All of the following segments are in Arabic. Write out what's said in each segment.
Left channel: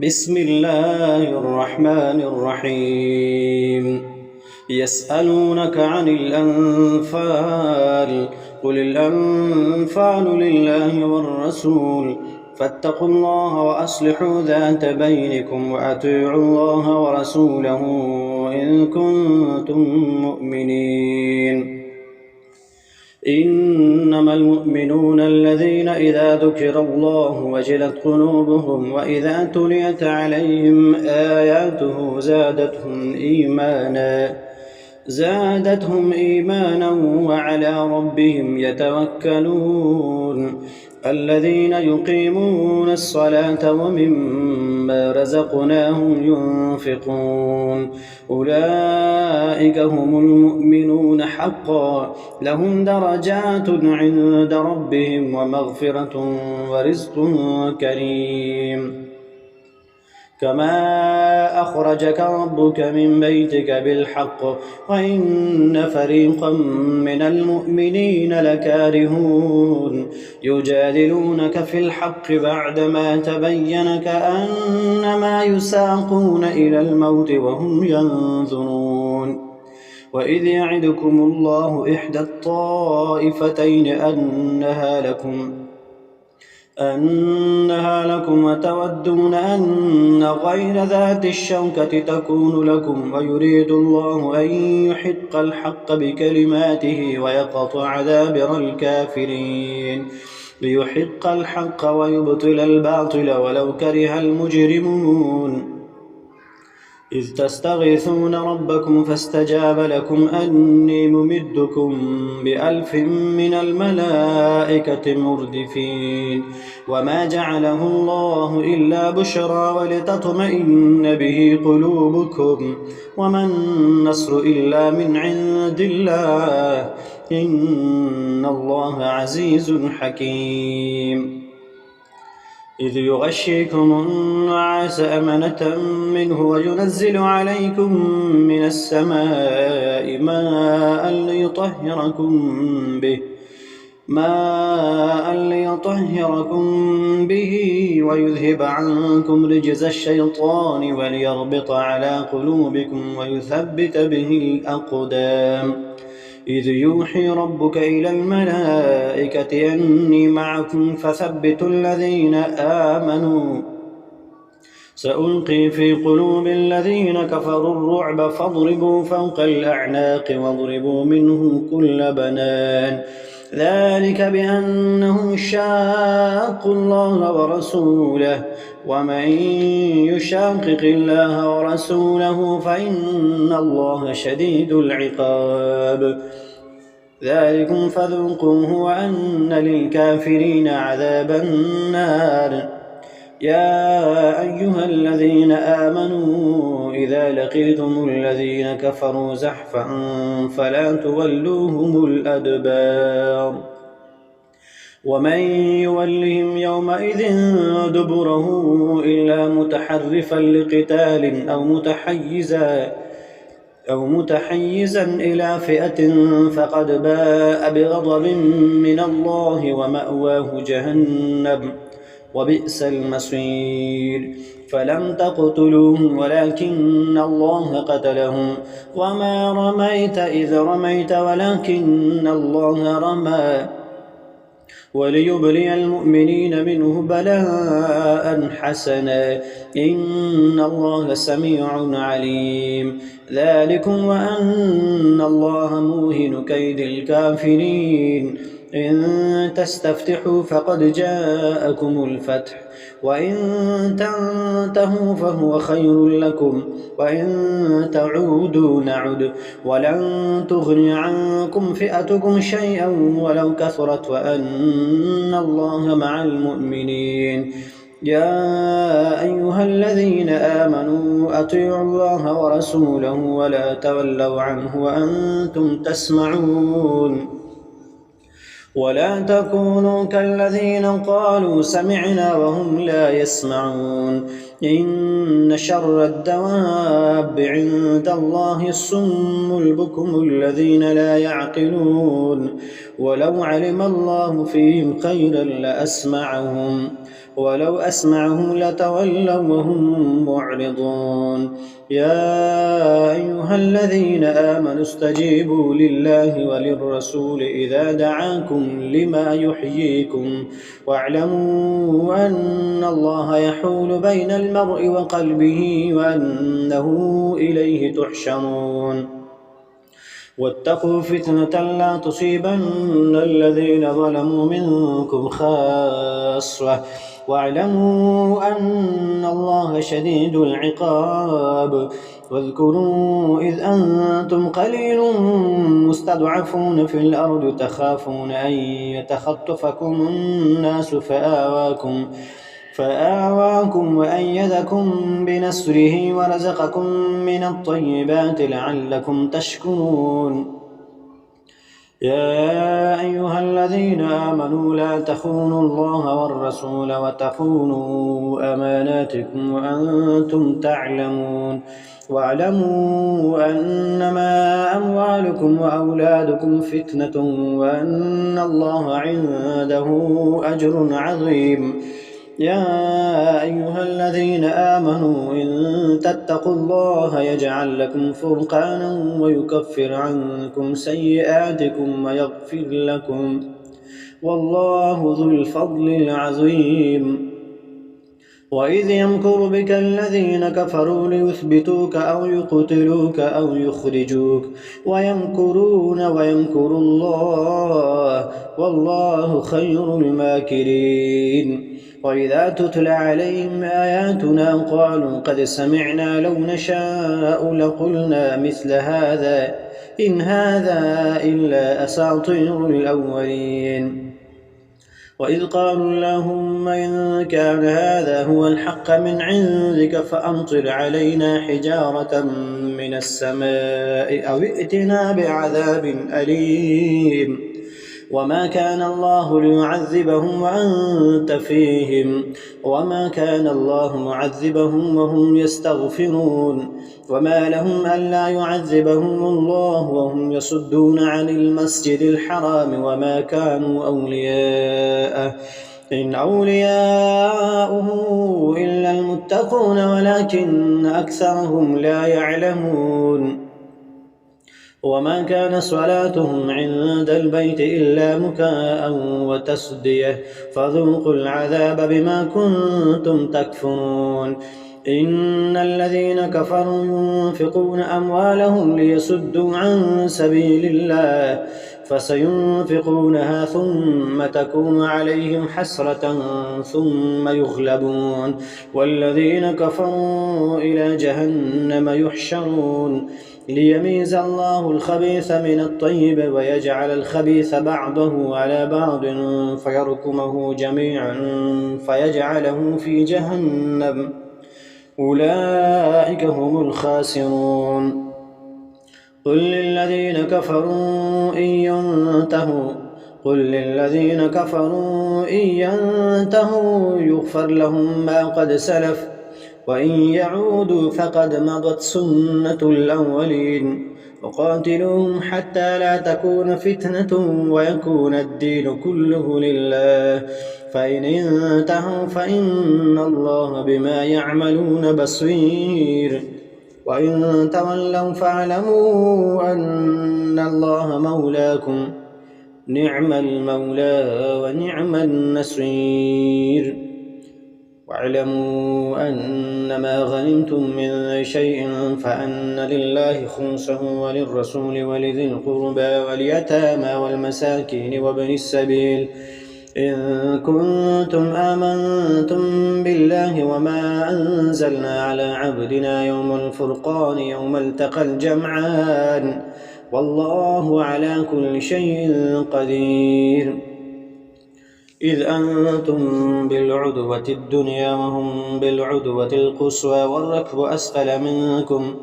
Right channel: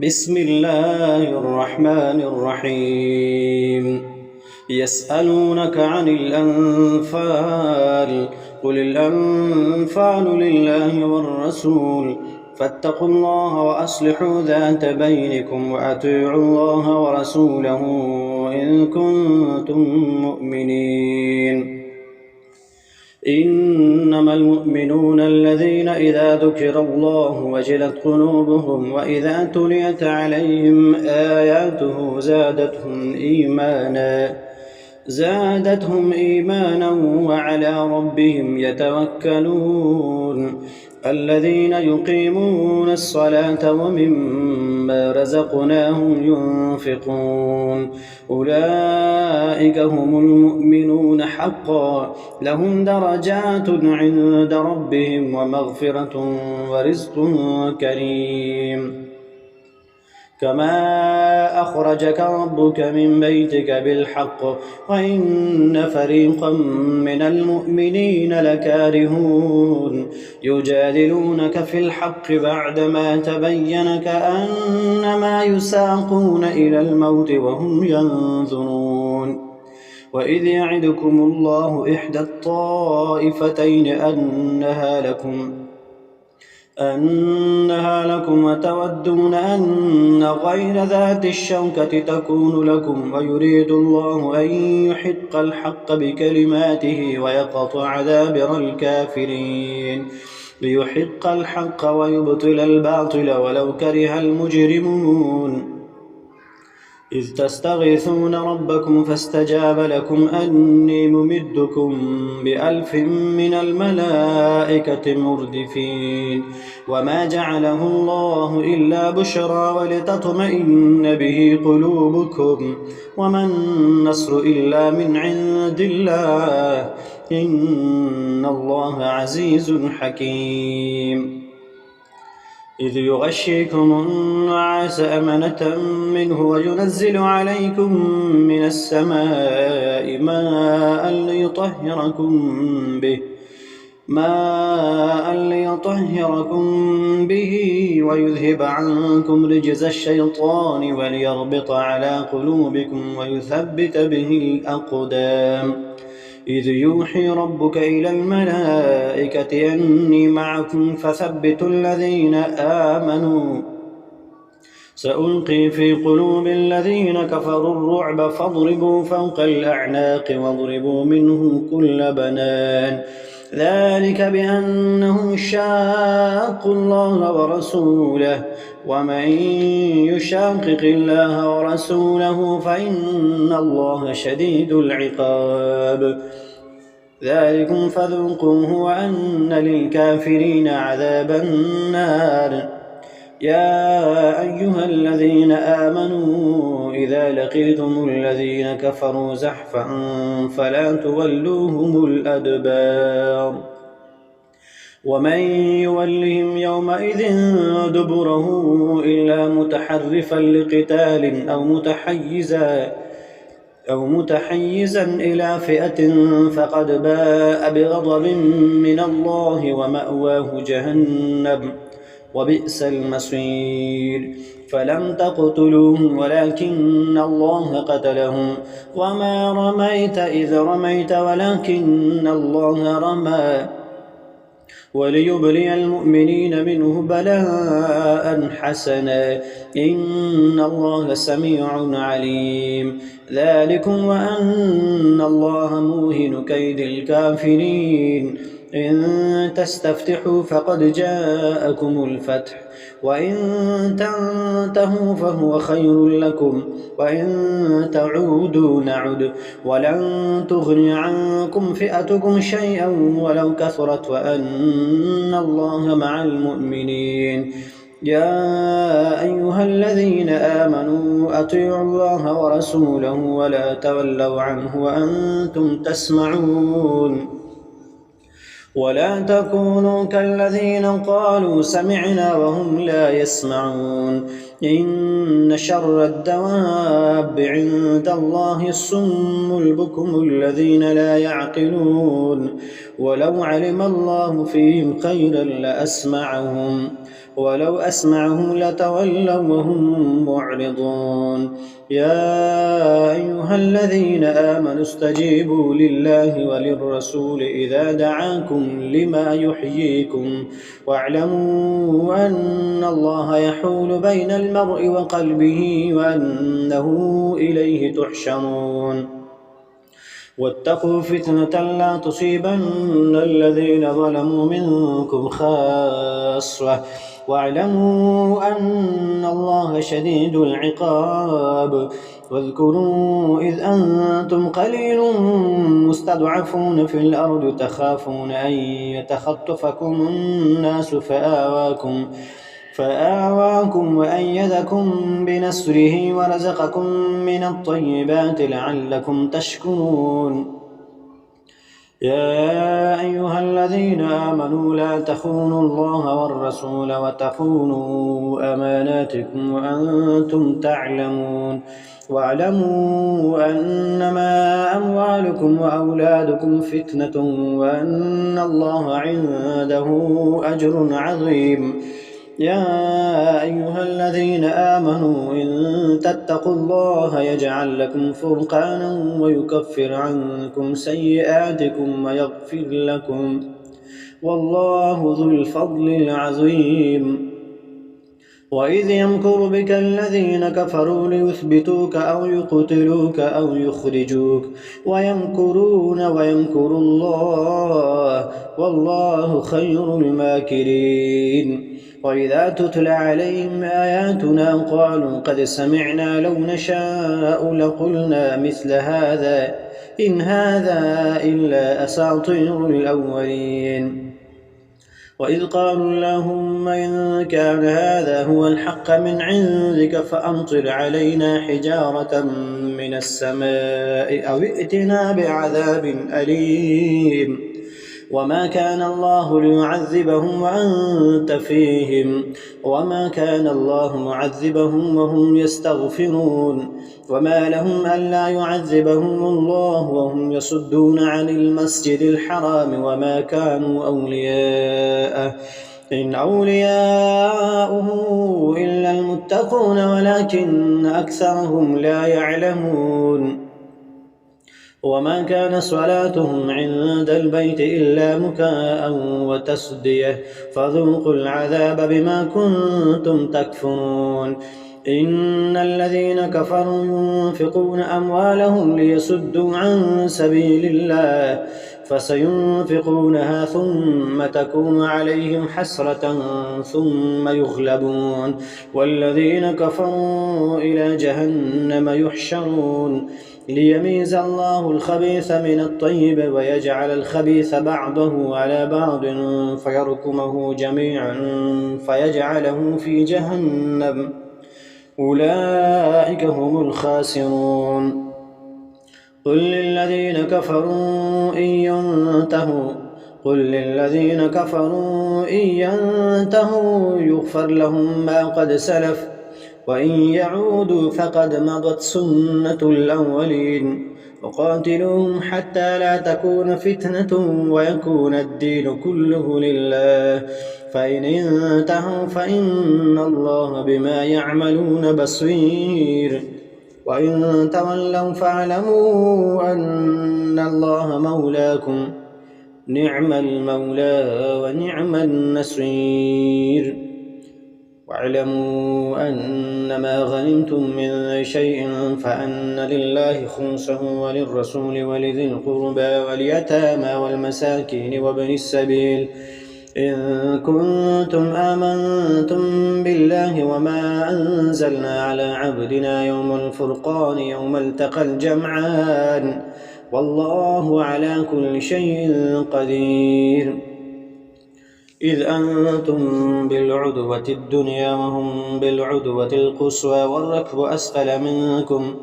بسم الله الرحمن الرحيم يسألونك عن الأنفال قل الأنفال لله والرسول فاتقوا الله وأصلحوا ذات بينكم وأطيعوا الله ورسوله إن كنتم مؤمنين إنما المؤمنون الذين إذا ذكر الله وجلت قلوبهم وإذا تليت عليهم آياته زادتهم إيمانا وعلى ربهم يتوكلون الذين يقيمون الصلاة ومما رزقناهم ينفقون أولئك هم المؤمنون حقا لهم درجات عند ربهم ومغفرة ورزق كريم كما أخرجك ربك من بيتك بالحق وإن فريقا من المؤمنين لكارهون يجادلونك في الحق بعدما تبين كأنما يساقون إلى الموت وهم ينظرون وإذ يعدكم الله إحدى الطائفتين أنها لكم وتودون أن غير ذات الشوكة تكون لكم ويريد الله أن يحق الحق بكلماته ويقطع دابر الكافرين ليحق الحق ويبطل الباطل ولو كره المجرمون إذ تستغيثون ربكم فاستجاب لكم أني ممدكم ب1000 من الملائكة مردفين وما جعله الله إلا بشرى ولتطمئن به قلوبكم وما النصر إلا من عند الله إن الله عزيز حكيم إذ يغشيكم النعاس أمنة منه وينزل عليكم من السماء ماء ليطهركم به ويذهب عنكم رجز الشيطان وليربط على قلوبكم ويثبت به الأقدام إذ يوحي ربك إلى الملائكة أني معكم فثبتوا الذين آمنوا سألقي في قلوب الذين كفروا الرعب فاضربوا فوق الأعناق واضربوا منهم كل بنان ذلك بأنهم شاقوا الله ورسوله ومن يشاقق الله ورسوله فإن الله شديد العقاب ذلكم فذوقوه وأن للكافرين عذاب النار يا أيها الذين آمنوا إذا لقيتم الذين كفروا زحفا فلا تولوهم الأدبار ومن يولهم يومئذ دبره إلا متحرفا لقتال أو متحيزا إلى فئة فقد باء بغضب من الله ومأواه جهنم وبئس المصير فلم تقتلوهم ولكن الله قتلهم وما رميت إذ رميت ولكن الله رمى وليبلي المؤمنين منه بلاء حسنا إن الله سميع عليم ذلكم وأن الله موهن كيد الكافرين إن تستفتحوا فقد جاءكم الفتح وإن تنتهوا فهو خير لكم وإن تعودوا نعد ولن تغني عنكم فئتكم شيئا ولو كثرت وأن الله مع المؤمنين يا أيها الذين آمنوا أطيعوا الله ورسوله ولا تولوا عنه وأنتم تسمعون ولا تكونوا كالذين قالوا سمعنا وهم لا يسمعون إن شر الدواب عند الله الصم البكم الذين لا يعقلون ولو علم الله فيهم خيرا لأسمعهم ولو أسمعهم لتولوا وهم معرضون يا أيها الذين آمنوا استجيبوا لله وللرسول إذا دعاكم لما يحييكم واعلموا أن الله يحول بين المرء وقلبه وأنه إليه تحشرون واتقوا فتنة لا تصيبن الذين ظلموا منكم خاصة واعلموا أن الله شديد العقاب واذكروا إذ أنتم قليل مستضعفون في الأرض تخافون أن يتخطفكم الناس فآواكم وأيدكم بنصره ورزقكم من الطيبات لعلكم تشكرون يا أيها الذين آمنوا لا تخونوا الله والرسول وتخونوا أماناتكم وأنتم تعلمون واعلموا أنما أموالكم وأولادكم فتنة وأن الله عنده أجر عظيم يا أيها الذين آمنوا إن تتقوا الله يجعل لكم فرقانا ويكفر عنكم سيئاتكم ويغفر لكم والله ذو الفضل العظيم وإذ يمكر بك الذين كفروا ليثبتوك أو يقتلوك أو يخرجوك ويمكرون ويمكر الله والله خير الماكرين وإذا تتلى عليهم آياتنا قالوا قد سمعنا لو نشاء لقلنا مثل هذا إن هذا إلا أساطير الأولين وإذ قالوا اللهم إن كان هذا هو الحق من عندك فأمطر علينا حجارة من السماء أو ائتنا بعذاب أليم وما كان الله ليعذبهم وأنت فيهم وما كان الله معذبهم وهم يستغفرون وما لهم ألا يعذبهم الله وهم يصدون عن المسجد الحرام وما كانوا أولياءه إن أولياؤه إلا المتقون ولكن أكثرهم لا يعلمون وما كان صلاتهم عند البيت إلا مكاء وتصدية فذوقوا العذاب بما كنتم تكفرون إن الذين كفروا ينفقون أموالهم ليصدوا عن سبيل الله فسينفقونها ثم تكون عليهم حسرة ثم يغلبون والذين كفروا إلى جهنم يحشرون ليميز الله الخبيث من الطيب ويجعل الخبيث بعضه على بعض فيركمه جميعا فيجعله في جهنم أولئك هم الخاسرون قل للذين كفروا إن ينتهوا يغفر لهم ما قد سلف وإن يعودوا فقد مضت سنة الأولين وقاتلوهم حتى لا تكون فتنة ويكون الدين كله لله فإن انتهوا فإن الله بما يعملون بصير وإن تولوا فاعلموا أن الله مولاكم نعم المولى ونعم النصير واعلموا أنما غنمتم من شيء فأن لله خمسه وللرسول ولذي القربى واليتامى والمساكين وابن السبيل إن كنتم آمنتم بالله وما أنزلنا على عبدنا يوم الفرقان يوم التقى الجمعان والله على كل شيء قدير إذ أنتم بالعدوة الدنيا وهم بالعدوة القصوى والركب أسفل منكم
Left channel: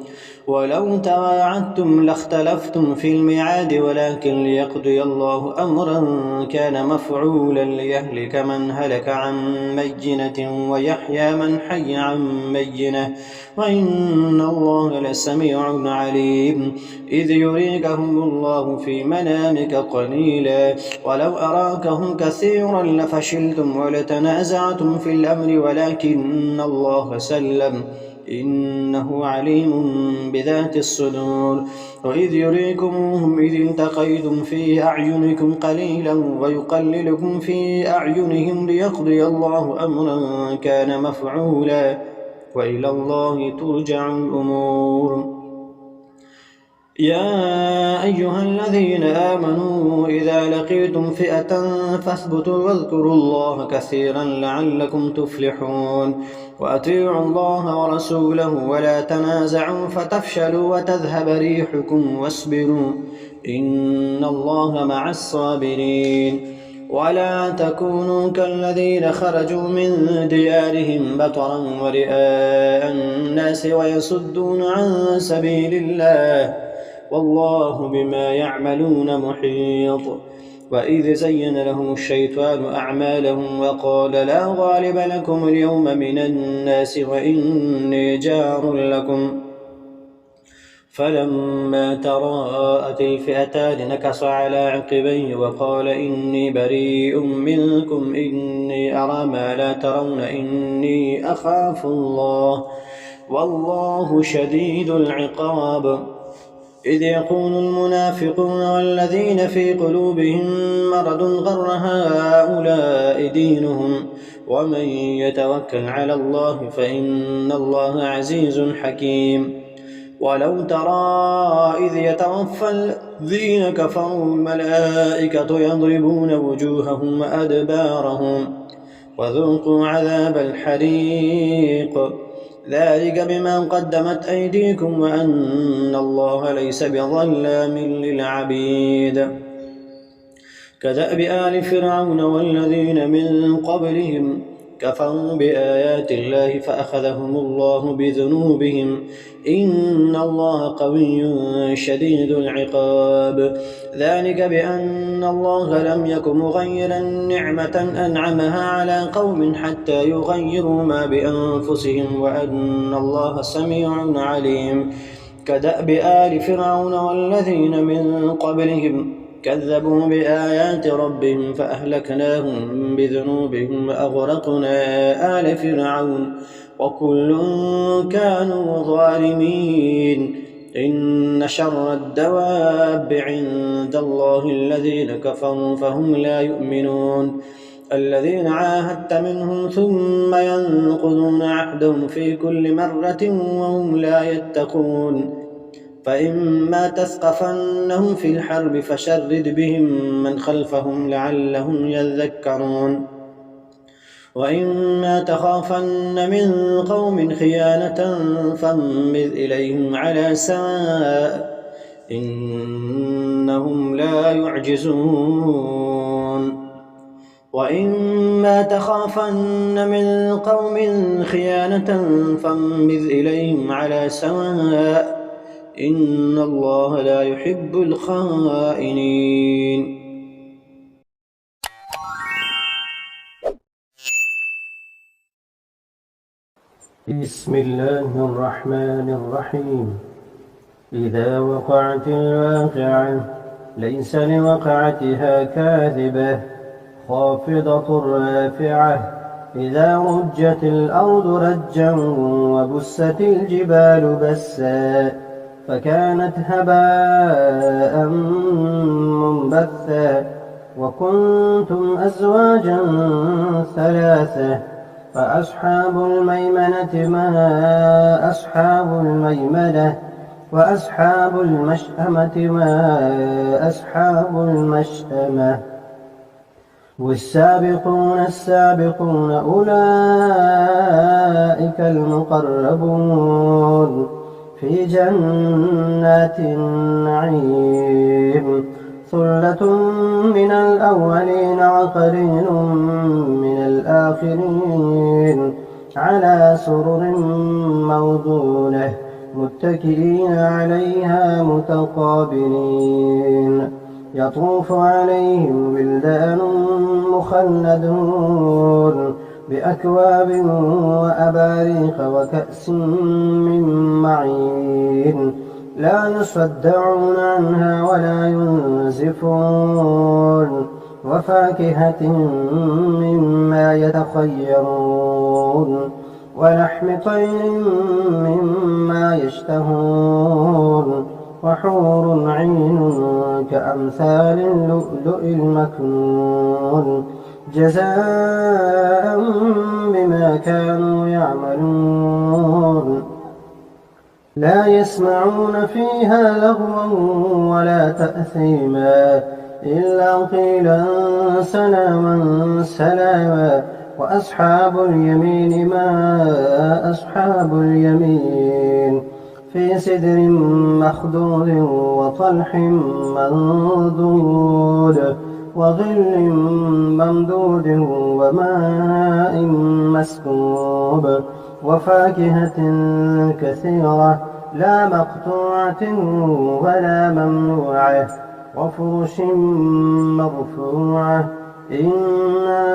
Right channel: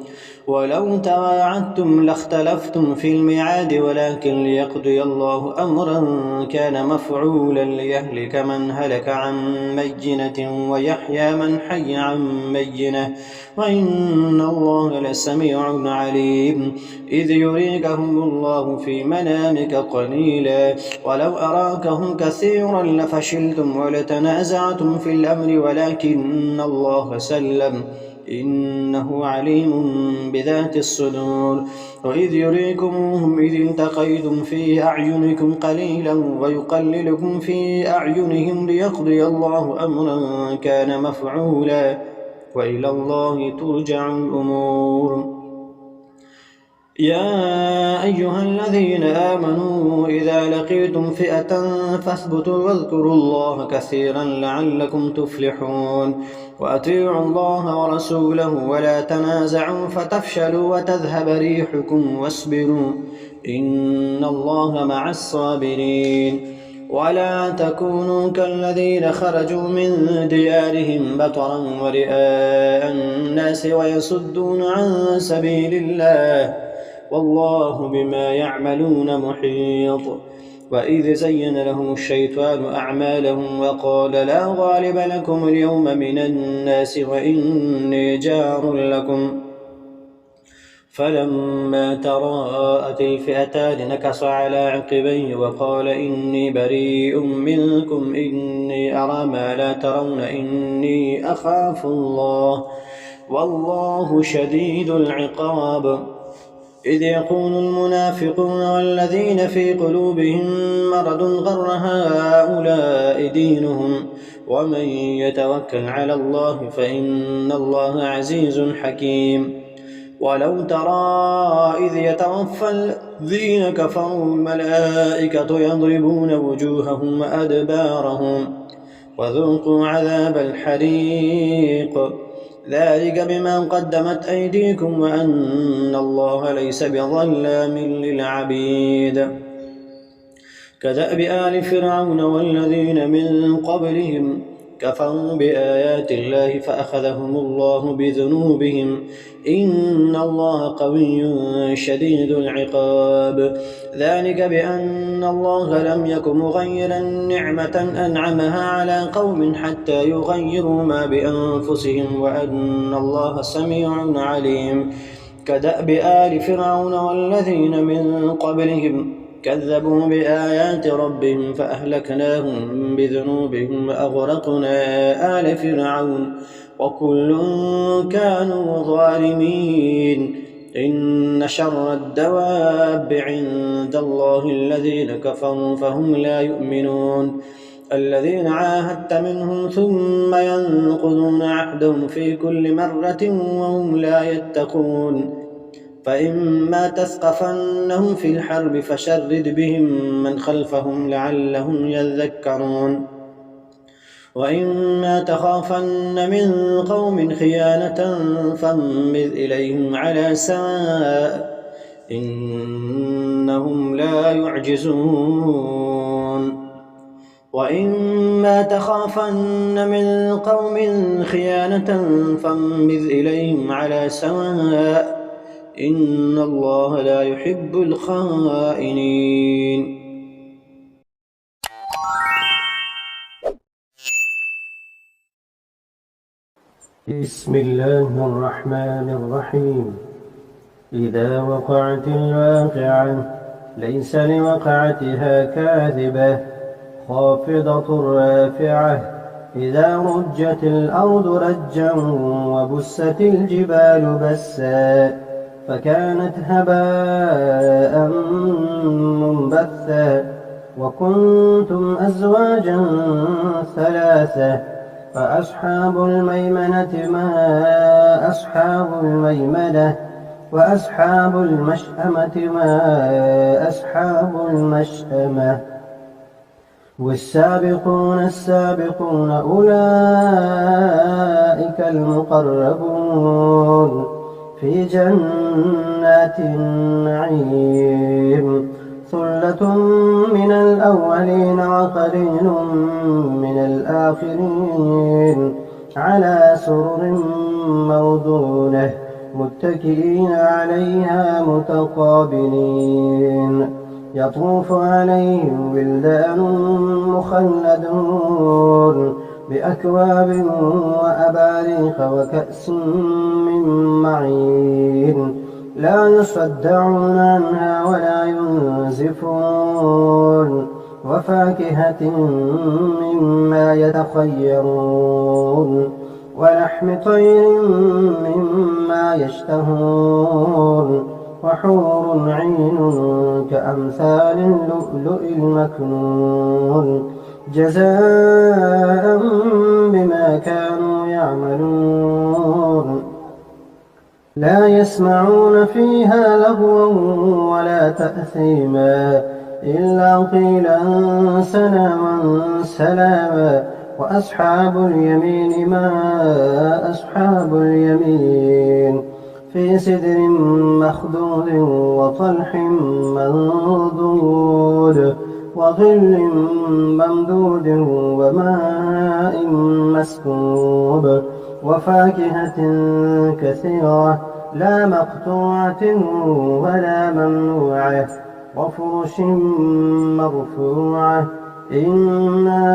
ولو تواعدتم لاختلفتم في الميعاد ولكن ليقضي الله أمرا كان مفعولا ليهلك من هلك عن بينة ويحيى من حي عن بينة وإن الله لسميع عليم إذ يريكهم الله في منامك قليلا ولو أراكهم كثيرا لفشلتم ولتنازعتم في الأمر ولكن الله سلم إنه عليم بذات الصدور. وإذ يريكموهم إذ التقيتم في أعينكم قليلا ويقللكم في أعينهم ليقضي الله أمرا كان مفعولا وإلى الله ترجع الأمور. يا أيها الذين آمنوا إذا لقيتم فئة فاثبتوا واذكروا الله كثيرا لعلكم تفلحون. وأطيعوا الله ورسوله ولا تنازعوا فتفشلوا وتذهب ريحكم واصبروا إن الله مع الصابرين. ولا تكونوا كالذين خرجوا من ديارهم بطرا ورئاء الناس ويصدون عن سبيل الله والله بما يعملون محيط. وإذ زين لهم الشيطان أعمالهم وقال لا غالب لكم اليوم من الناس وإني جار لكم فلما تراءت الفئتان نكص على عقبيه وقال إني بريء منكم إني أرى ما لا ترون إني أخاف الله والله شديد العقاب. إذ يقول المنافقون والذين في قلوبهم مرض غر هؤلاء دينهم ومن يتوكل على الله فإن الله عزيز حكيم. ولو ترى إذ يتوفى الذين كفروا الملائكة يضربون وجوههم وأدبارهم وذوقوا عذاب الحريق ذلك بما قدمت أيديكم وأن الله ليس بظلام للعبيد. كدأب آل فرعون والذين من قبلهم كفروا بآيات الله فأخذهم الله بذنوبهم إن الله قوي شديد العقاب. ذلك بأن الله لم يك مغيرا نعمة أنعمها على قوم حتى يغيروا ما بأنفسهم وأن الله سميع عليم. كدأب آل فرعون والذين من قبلهم كذبوا بآيات ربهم فأهلكناهم بذنوبهم وأغرقنا آل فرعون وكل كانوا ظالمين. إن شر الدواب عند الله الذين كفروا فهم لا يؤمنون. الذين عاهدت منهم ثم ينقضون عهدهم في كل مرة وهم لا يتقون. فإما تثقفنهم في الحرب فشرد بهم من خلفهم لعلهم يذكرون. وإما تخافن من قوم خيانة فانبذ إليهم على سواء إنهم لا يعجزون. وإما تخافن من قوم خيانة فانبذ إليهم على سواء إن الله لا يحب الخائنين. بسم الله الرحمن الرحيم. إذا وقعت الواقعة ليس لوقعتها كاذبة خافضة رافعة إذا رجت الأرض رجا وبست الجبال بسا فكانت هباء منبثا وكنتم أزواجا ثلاثة فأصحاب الميمنة ما أصحاب الميمنة وأصحاب المشأمة ما أصحاب المشأمة والسابقون السابقون أولئك المقربون في جنات النعيم ثلة من الأولين وقليل من الآخرين على سرر موضونة متكئين عليها متقابلين يطوف عليهم ولدان مخلدون بأكواب وأباريق وكأس من معين لا يصدعون عنها ولا ينزفون وفاكهة مما يتخيرون ولحم طير مما يشتهون وحور عين كأمثال اللؤلؤ المكنون جزاء بما كانوا يعملون لا يسمعون فيها لغوا ولا تأثيما إلا قيلا سلاما سلاما وأصحاب اليمين ما أصحاب اليمين في سدر مخضود وطلح منضود وظل ممدود وماء مسكوب وفاكهة كثيرة لا مقطوعة ولا ممنوعة وفرش مرفوعة إنا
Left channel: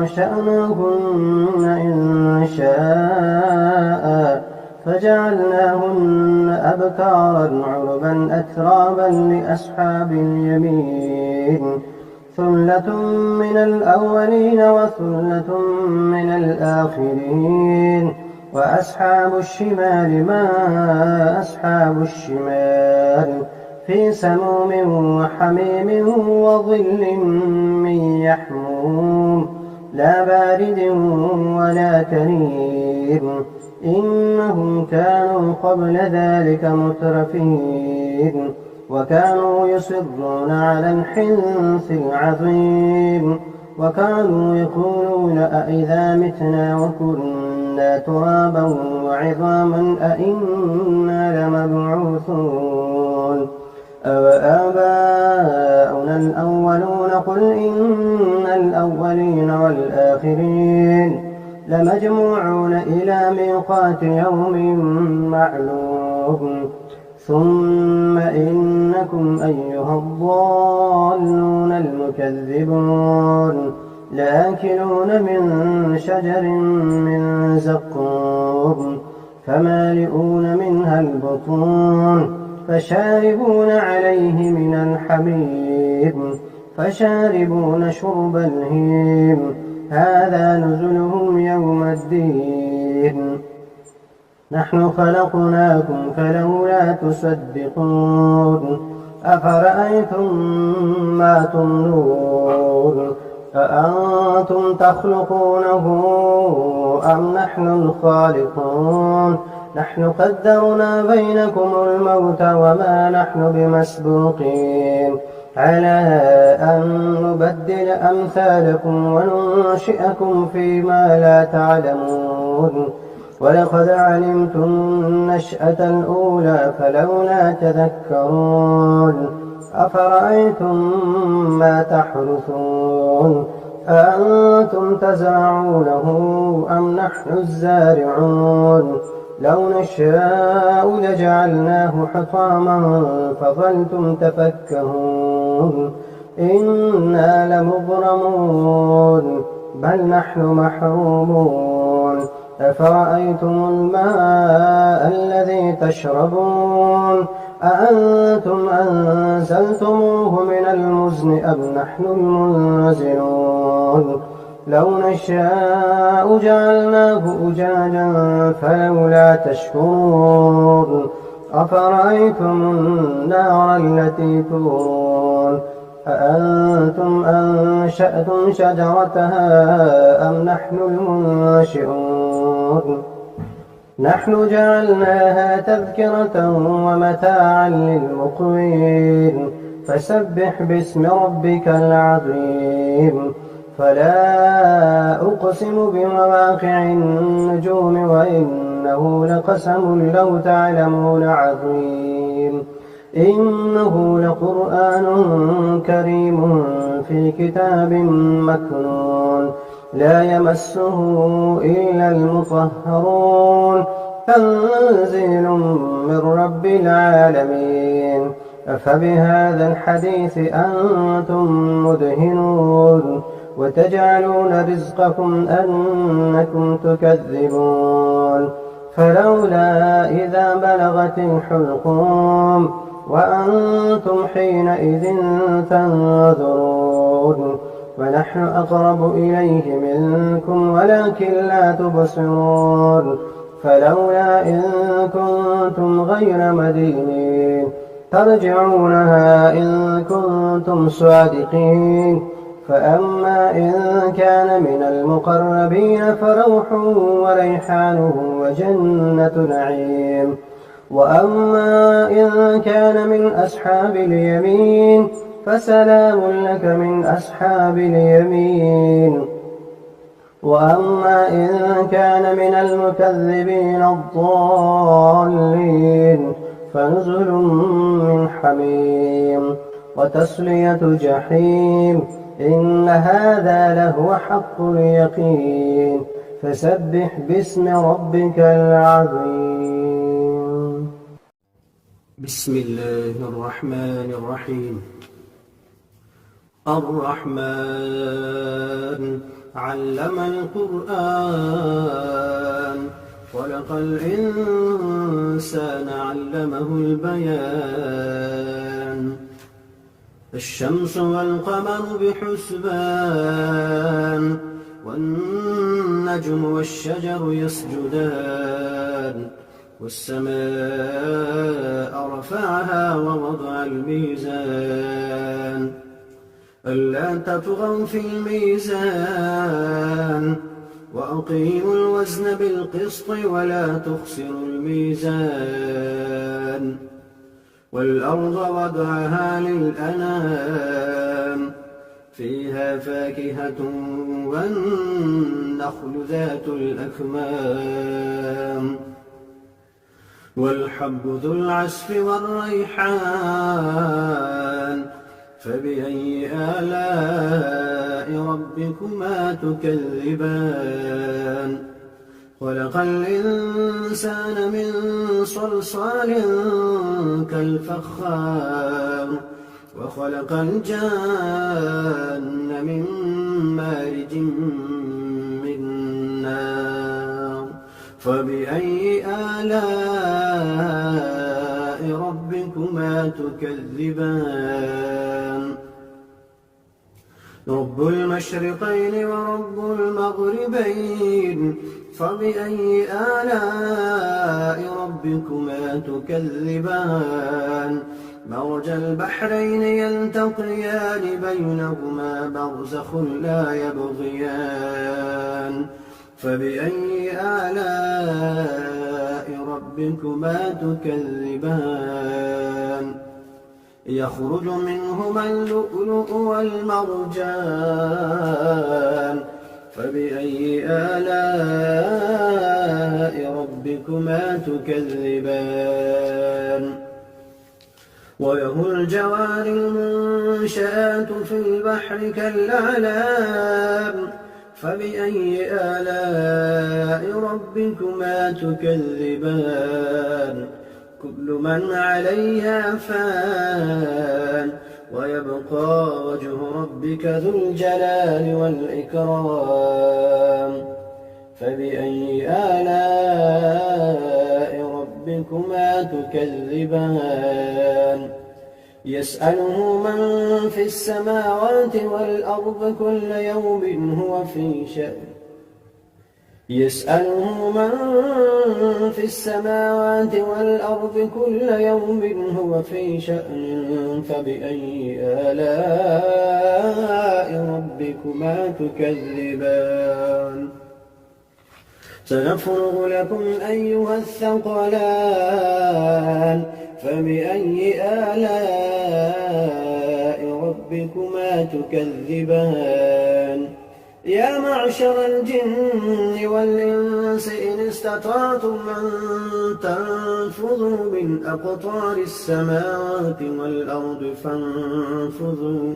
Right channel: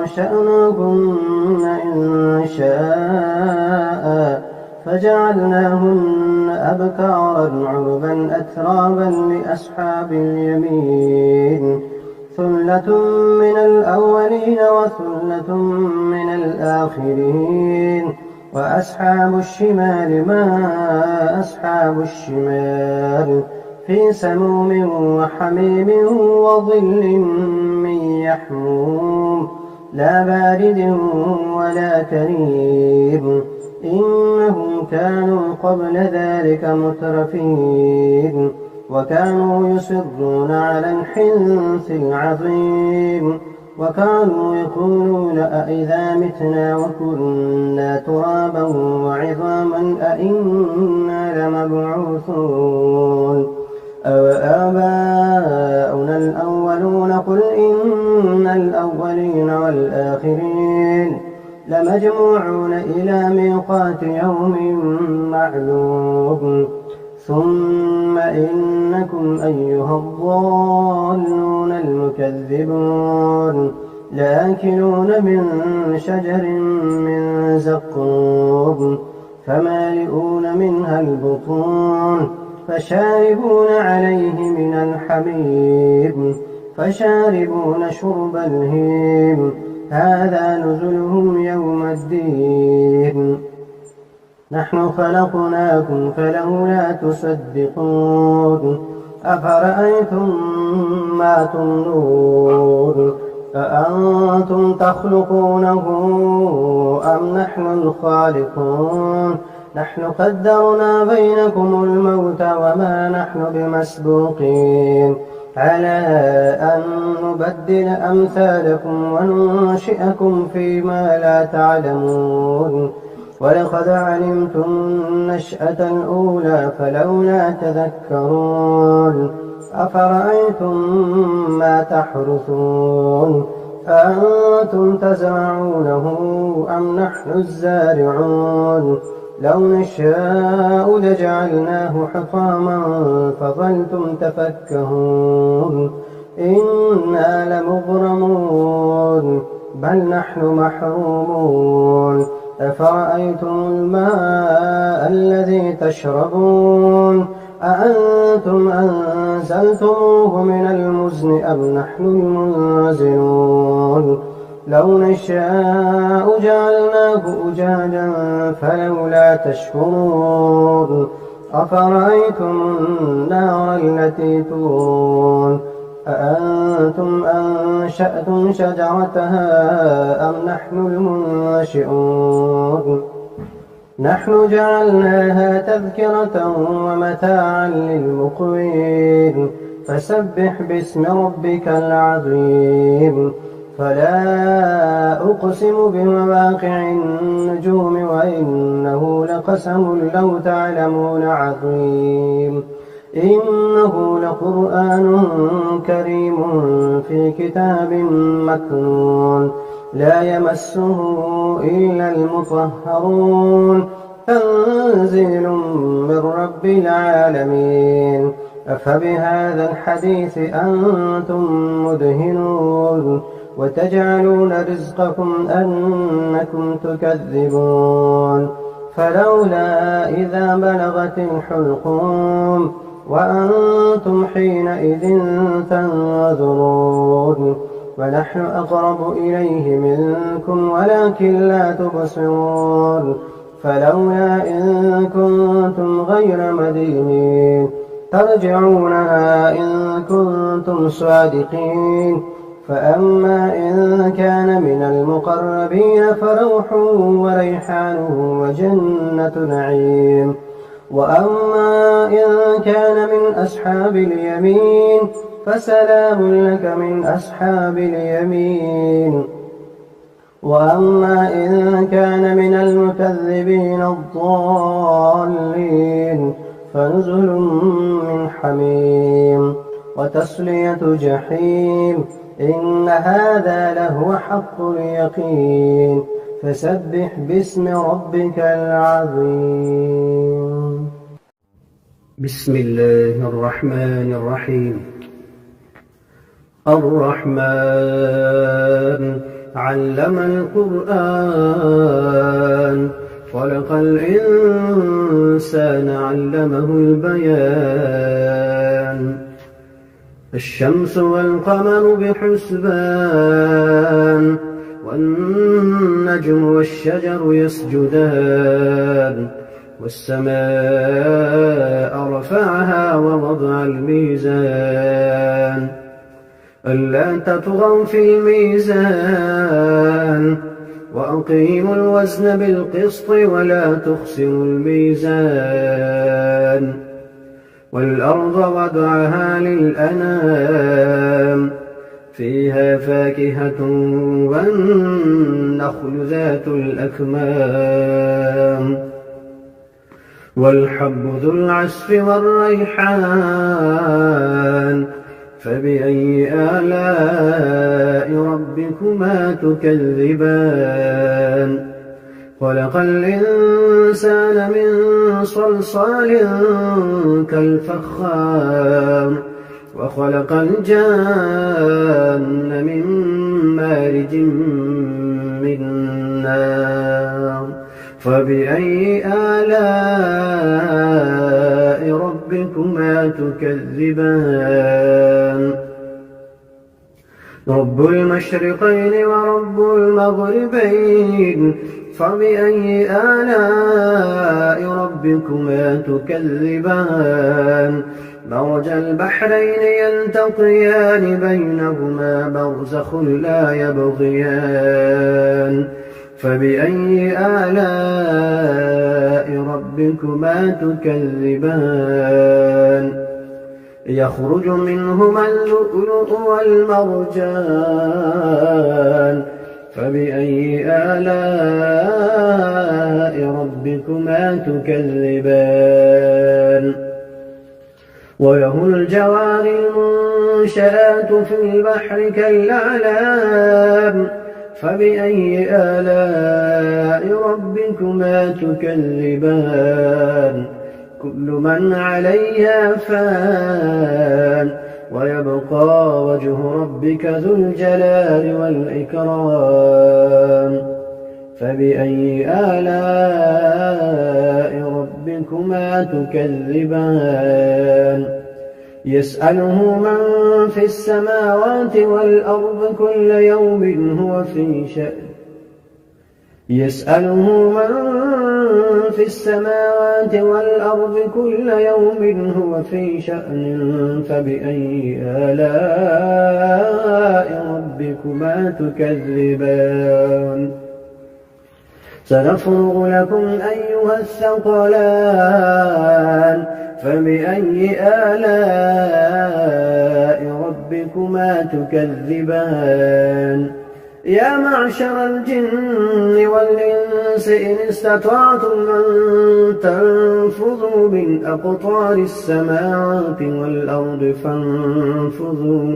أنشأناهن إن شاء فجعلناهن أبكارا عربا أترابا لأصحاب اليمين ثلة من الأولين وثلة من الآخرين وأصحاب الشمال ما أصحاب الشمال في سموم وحميم وظل من يحموم لا بارد ولا كريم إنهم كانوا قبل ذلك مترفين وكانوا يصرون على الحنث العظيم وكانوا يقولون أئذا متنا وكنا ترابا وعظاما أئنا لمبعوثون أوآباؤنا الأولون قل إن الأولين والآخرين لمجموعون إلى ميقات يوم معلوم ثم إنكم أيها الضالون المكذبون لآكلون من شجر من زقوم فمالئون منها البطون فشاربون عليه من الحميم فشاربون شرب الهيم هذا نزلهم يوم الدين نحن خلقناكم فلولا تصدقون أفرأيتم ما تمنون أأنتم تخلقونه أم نحن الخالقون نحن قدرنا بينكم الموت وما نحن بمسبوقين على أن نبدل أمثالكم وننشئكم فيما لا تعلمون ولقد علمتم النشأة الأولى فلولا تذكرون أفرأيتم ما تحرثون أأنتم تزرعونه أم نحن الزارعون لو نشاء لجعلناه حطاما فظلتم تفكهون إنا لمغرمون بل نحن محرومون أفرأيتم الماء الذي تشربون أأنتم أنزلتموه من المزن أم نحن المنزلون لو نشاء جعلناه أجاجا فلولا تشكرون أفرأيتم النار التي تورون أأنتم أنشأتم شجرتها أم نحن المنشئون نحن جعلناها تذكرة ومتاعا للمقوين فسبح باسم ربك العظيم فلا أقسم بمواقع النجوم وإنه لقسم لو تعلمون عظيم إنه لقرآن كريم في كتاب مكنون لا يمسه إلا المطهرون تنزيل من رب العالمين أفبهذا الحديث أنتم مدهنون وتجعلون رزقكم أنكم تكذبون فلولا إذا بلغت الحلقوم وأنتم حينئذ تنظرون ونحن أقرب إليه منكم ولكن لا تبصرون فلولا إن كنتم غير مدينين ترجعونها إن كنتم صادقين فأما إن كان من المقربين فروح وريحان وجنة نعيم وأما إن كان من أصحاب اليمين فسلام لك من أصحاب اليمين وأما إن كان من المكذبين الضالين فنزل من حميم وتصلية جحيم إن هذا لهو حق اليقين فسبح باسم ربك العظيم. بسم الله الرحمن الرحيم. الرحمن علم القرآن خلق الإنسان علمه البيان الشمس والقمر بحسبان والنجم والشجر يسجدان والسماء رفعها ووضع الميزان ألا تطغوا في الميزان وأقيموا الوزن بالقسط ولا تخسروا الميزان والأرض وضعها للأنام فيها فاكهة والنخل ذات الأكمام والحب ذو العصف والريحان فبأي آلاء ربكما تكذبان خلق الإنسان من صلصال كالفخار وخلق الجان من مارج من نار فبأي آلاء ربكما تكذبان رب المشرقين ورب المغربين فبأي آلاء ربكما تكذبان مرج البحرين يلتقيان بينهما برزخ لا يبغيان فبأي آلاء ربكما تكذبان يخرج منهما اللؤلؤ والمرجان فبأي آلاء ربكما تكذبان وله الجوار المنشآت في البحر كالأعلام فبأي آلاء ربكما تكذبان كل من عليها فان ويبقى وجه ربك ذو الجلال والإكرام فبأي آلاء ربكما تكذبان يسأله من في السماوات والأرض كل يوم هو في شأن يسأله من في السماوات والأرض كل يوم هو في شأن فبأي آلاء ربكما تكذبان سنفرغ لكم أيها الثقلان فبأي آلاء ربكما تكذبان يا معشر الجن والإنس إن استطعتم أن تنفذوا من أقطار السماوات والأرض فانفذوا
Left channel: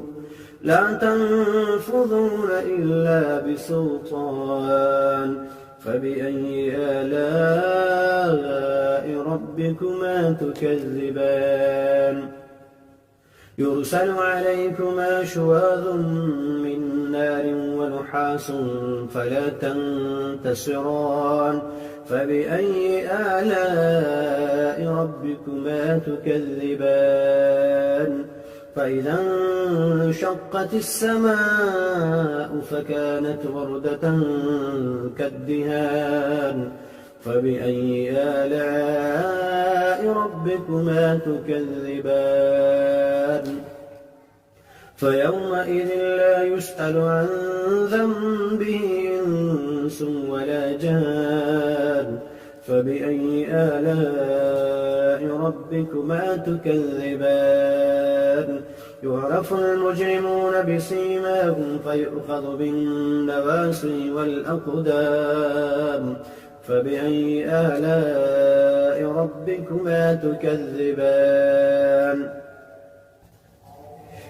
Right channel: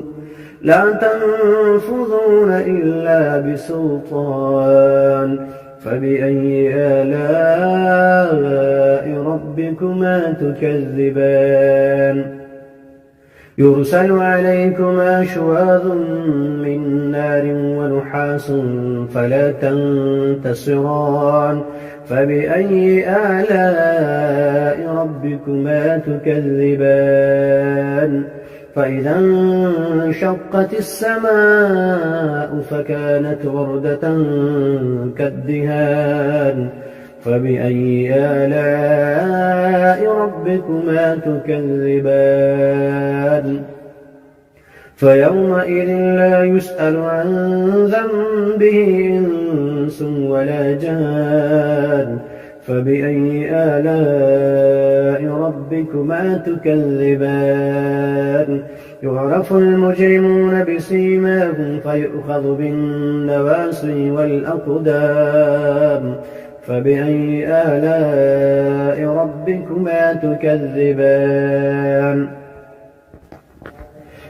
لا تنفذون إلا بسلطان فبأي آلاء ربكما تكذبان يرسل عليكما شواظ من نار ونحاس فلا تنتصران فبأي آلاء ربكما تكذبان فإذا انشقت السماء فكانت وردة كالدهان فبأي آلاء ربكما تكذبان فيومئذ لا يسأل عن ذنبه إنس ولا جان فبأي آلاء ربكما تكذبان يعرف المجرمون بسيماهم فيؤخذ بالنواصي والأقدام فبأي آلاء ربكما تكذبان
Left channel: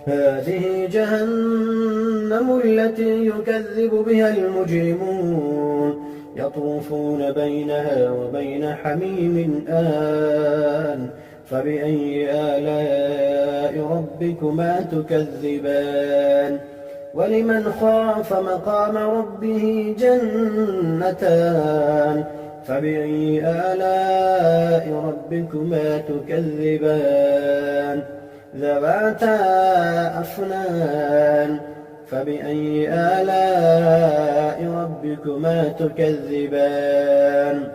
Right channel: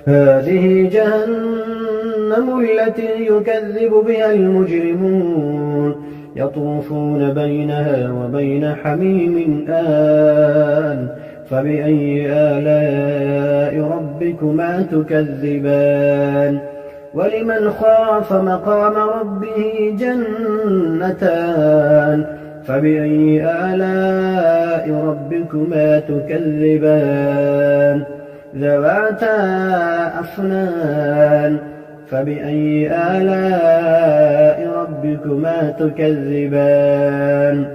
هذه جهنم التي يكذب بها المجرمون يطوفون بينها وبين حميم آن فبأي آلاء ربكما تكذبان ولمن خاف مقام ربه جنتان فبأي آلاء ربكما تكذبان ذواتا أفنان فبأي آلاء ربكما تكذبان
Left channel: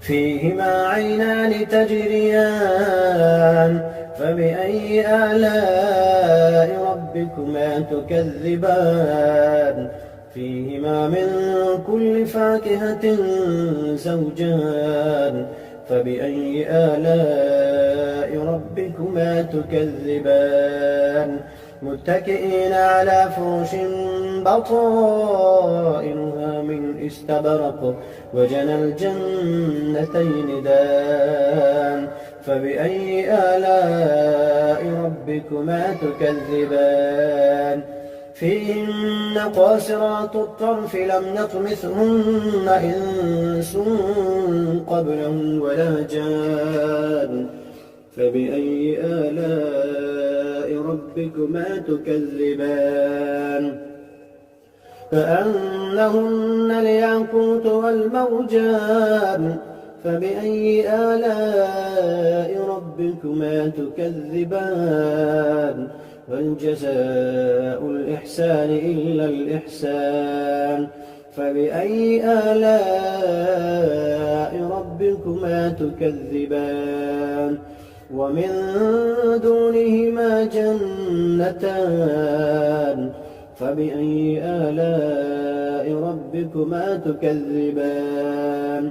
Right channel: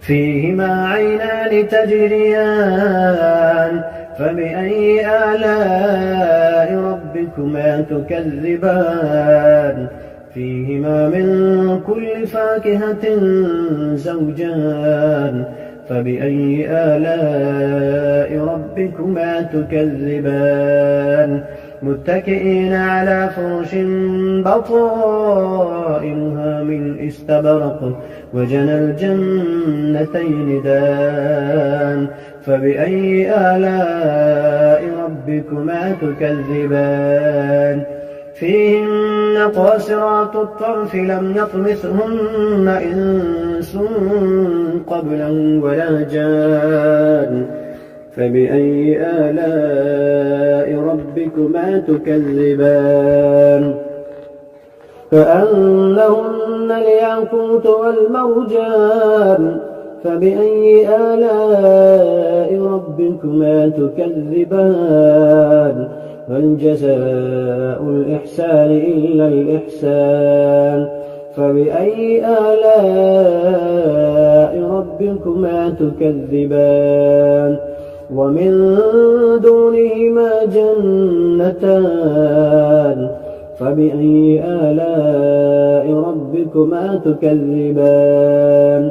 فيهما عينان تجريان فبأي آلاء ربكما تكذبان فيهما من كل فاكهة زوجان فبأي آلاء ربكما تكذبان متكئين على فرش بطائنها من استبرق وجنى الجنتين دان فبأي آلاء ربكما تكذبان فيهن قاصرات الطرف لم يطمثهن إنس قبلهم ولا جان فبأي آلاء ربكما تكذبان كأنهن الياقوت والمرجان فبأي آلاء ربكما تكذبان هل جزاء الإحسان إلا الإحسان فبأي آلاء ربكما تكذبان ومن دونهما جنتان فبأي آلاء ربكما تكذبان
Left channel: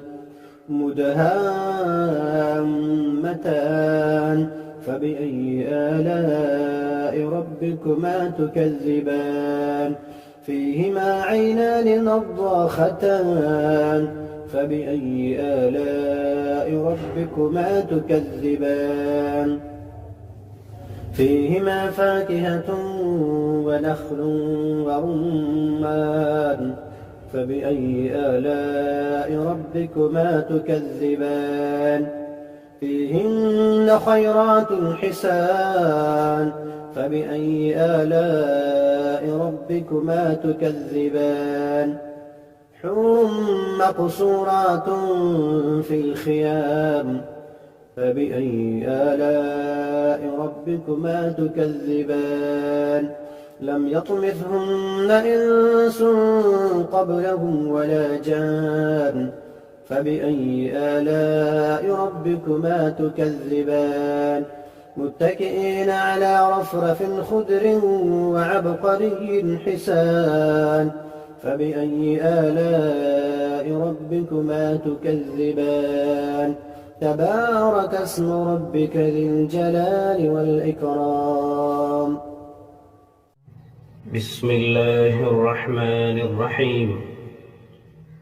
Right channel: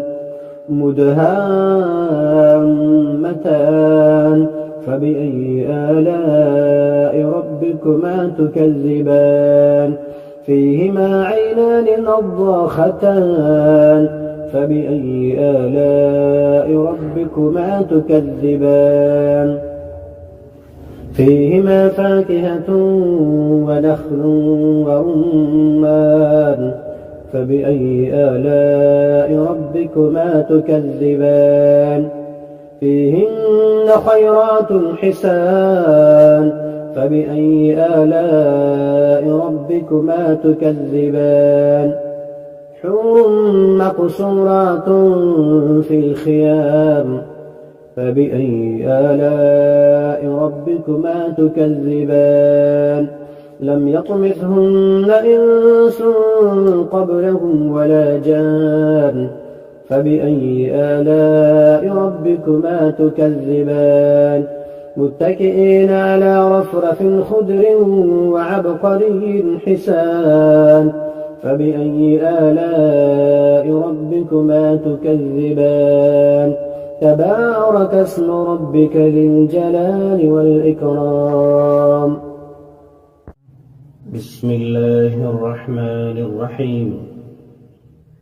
مدهامتان فبأي آلاء ربكما تكذبان فيهما عينان نضاختان فبأي آلاء ربكما تكذبان فيهما فاكهة ونخل ورمان فبأي آلاء ربكما تكذبان فيهن خيرات حسان فبأي آلاء ربكما تكذبان حور مقصورات في الخيام فبأي آلاء ربكما تكذبان لم يطمثهن إنس قبلهم ولا جان فبأي آلاء ربكما تكذبان متكئين على رفرف خضر وعبقري حسان فبأي آلاء ربكما تكذبان تبارك اسم ربك ذي الجلال والإكرام بسم الله الرحمن الرحيم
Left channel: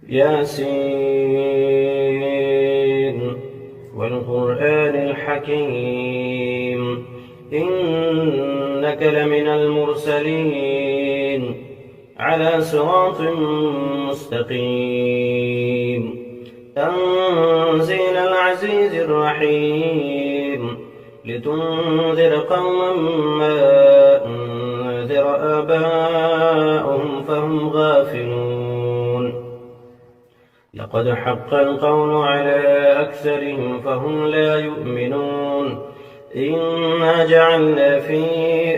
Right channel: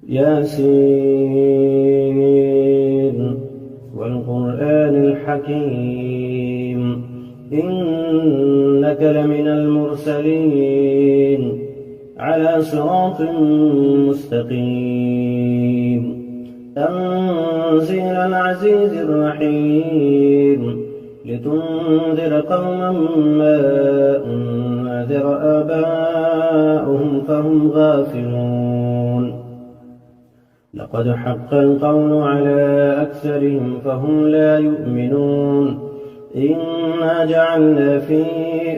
ياسين والقرآن الحكيم إنك لمن المرسلين على صراط مستقيم تنزيل العزيز الرحيم لتنذر قوما ما أنذر آباؤهم فهم غافلون لقد حق القول على أكثرهم فهم لا يؤمنون إنا جعلنا في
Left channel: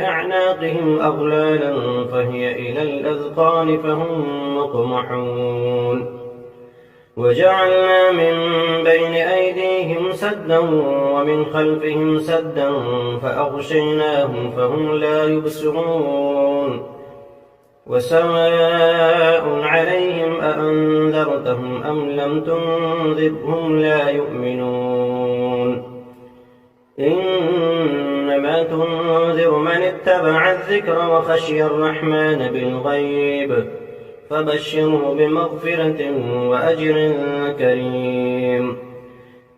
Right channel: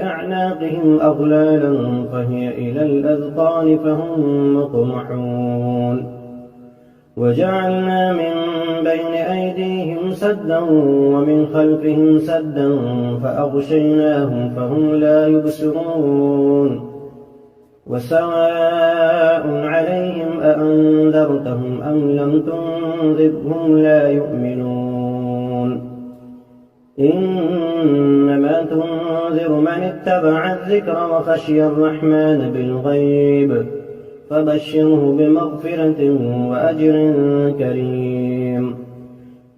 أعناقهم أغلالا فهي إلى الأذقان فهم مقمحون وجعلنا من بين أيديهم سدا ومن خلفهم سدا فأغشيناهم فهم لا يبصرون وسواء عليهم أأنذرتهم أم لم تنذرهم لا يؤمنون إنما تنذر من اتبع الذكر وخشي الرحمن بالغيب فبشره بمغفرة وأجر كريم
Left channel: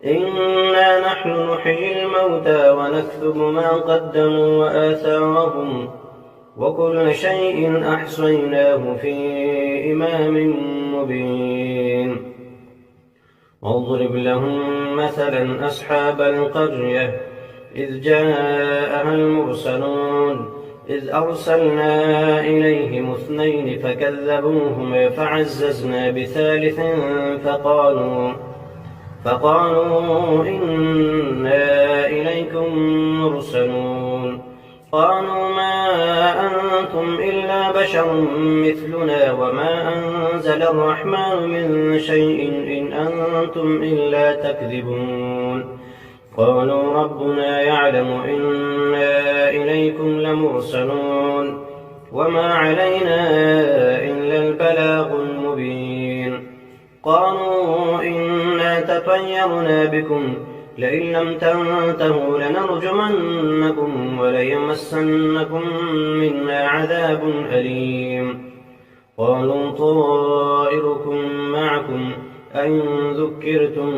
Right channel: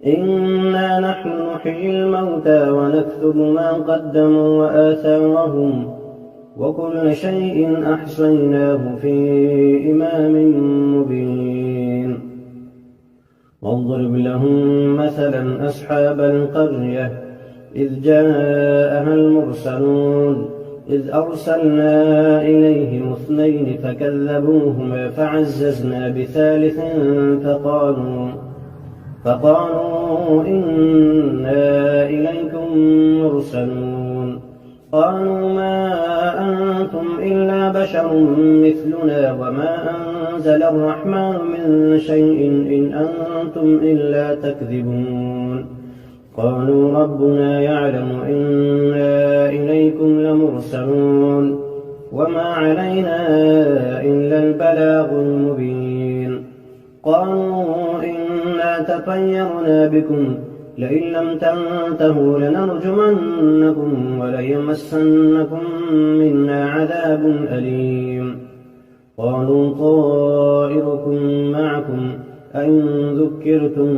إنا نحن نحيي الموتى ونكتب ما قدموا وآثارهم وكل شيء أحصيناه في إمام مبين واضرب لهم مثلا أصحاب القرية إذ جاءها المرسلون إذ أرسلنا إليهم 2 فكذبوهما فعززنا بثالث فقالوا إنا إليكم مرسلون قالوا ما أنتم إلا بشر مثلنا وما أنزل الرحمن من شيء إن أنتم إلا تكذبون قالوا ربنا يعلم إنا إليكم لمرسلون وما علينا إلا البلاغ المبين قالوا إنا تطيرنا بكم لئن لم تنتهوا لنرجمنكم وليمسنكم منا عذاب أليم قالوا طائركم معكم أئن ذكرتم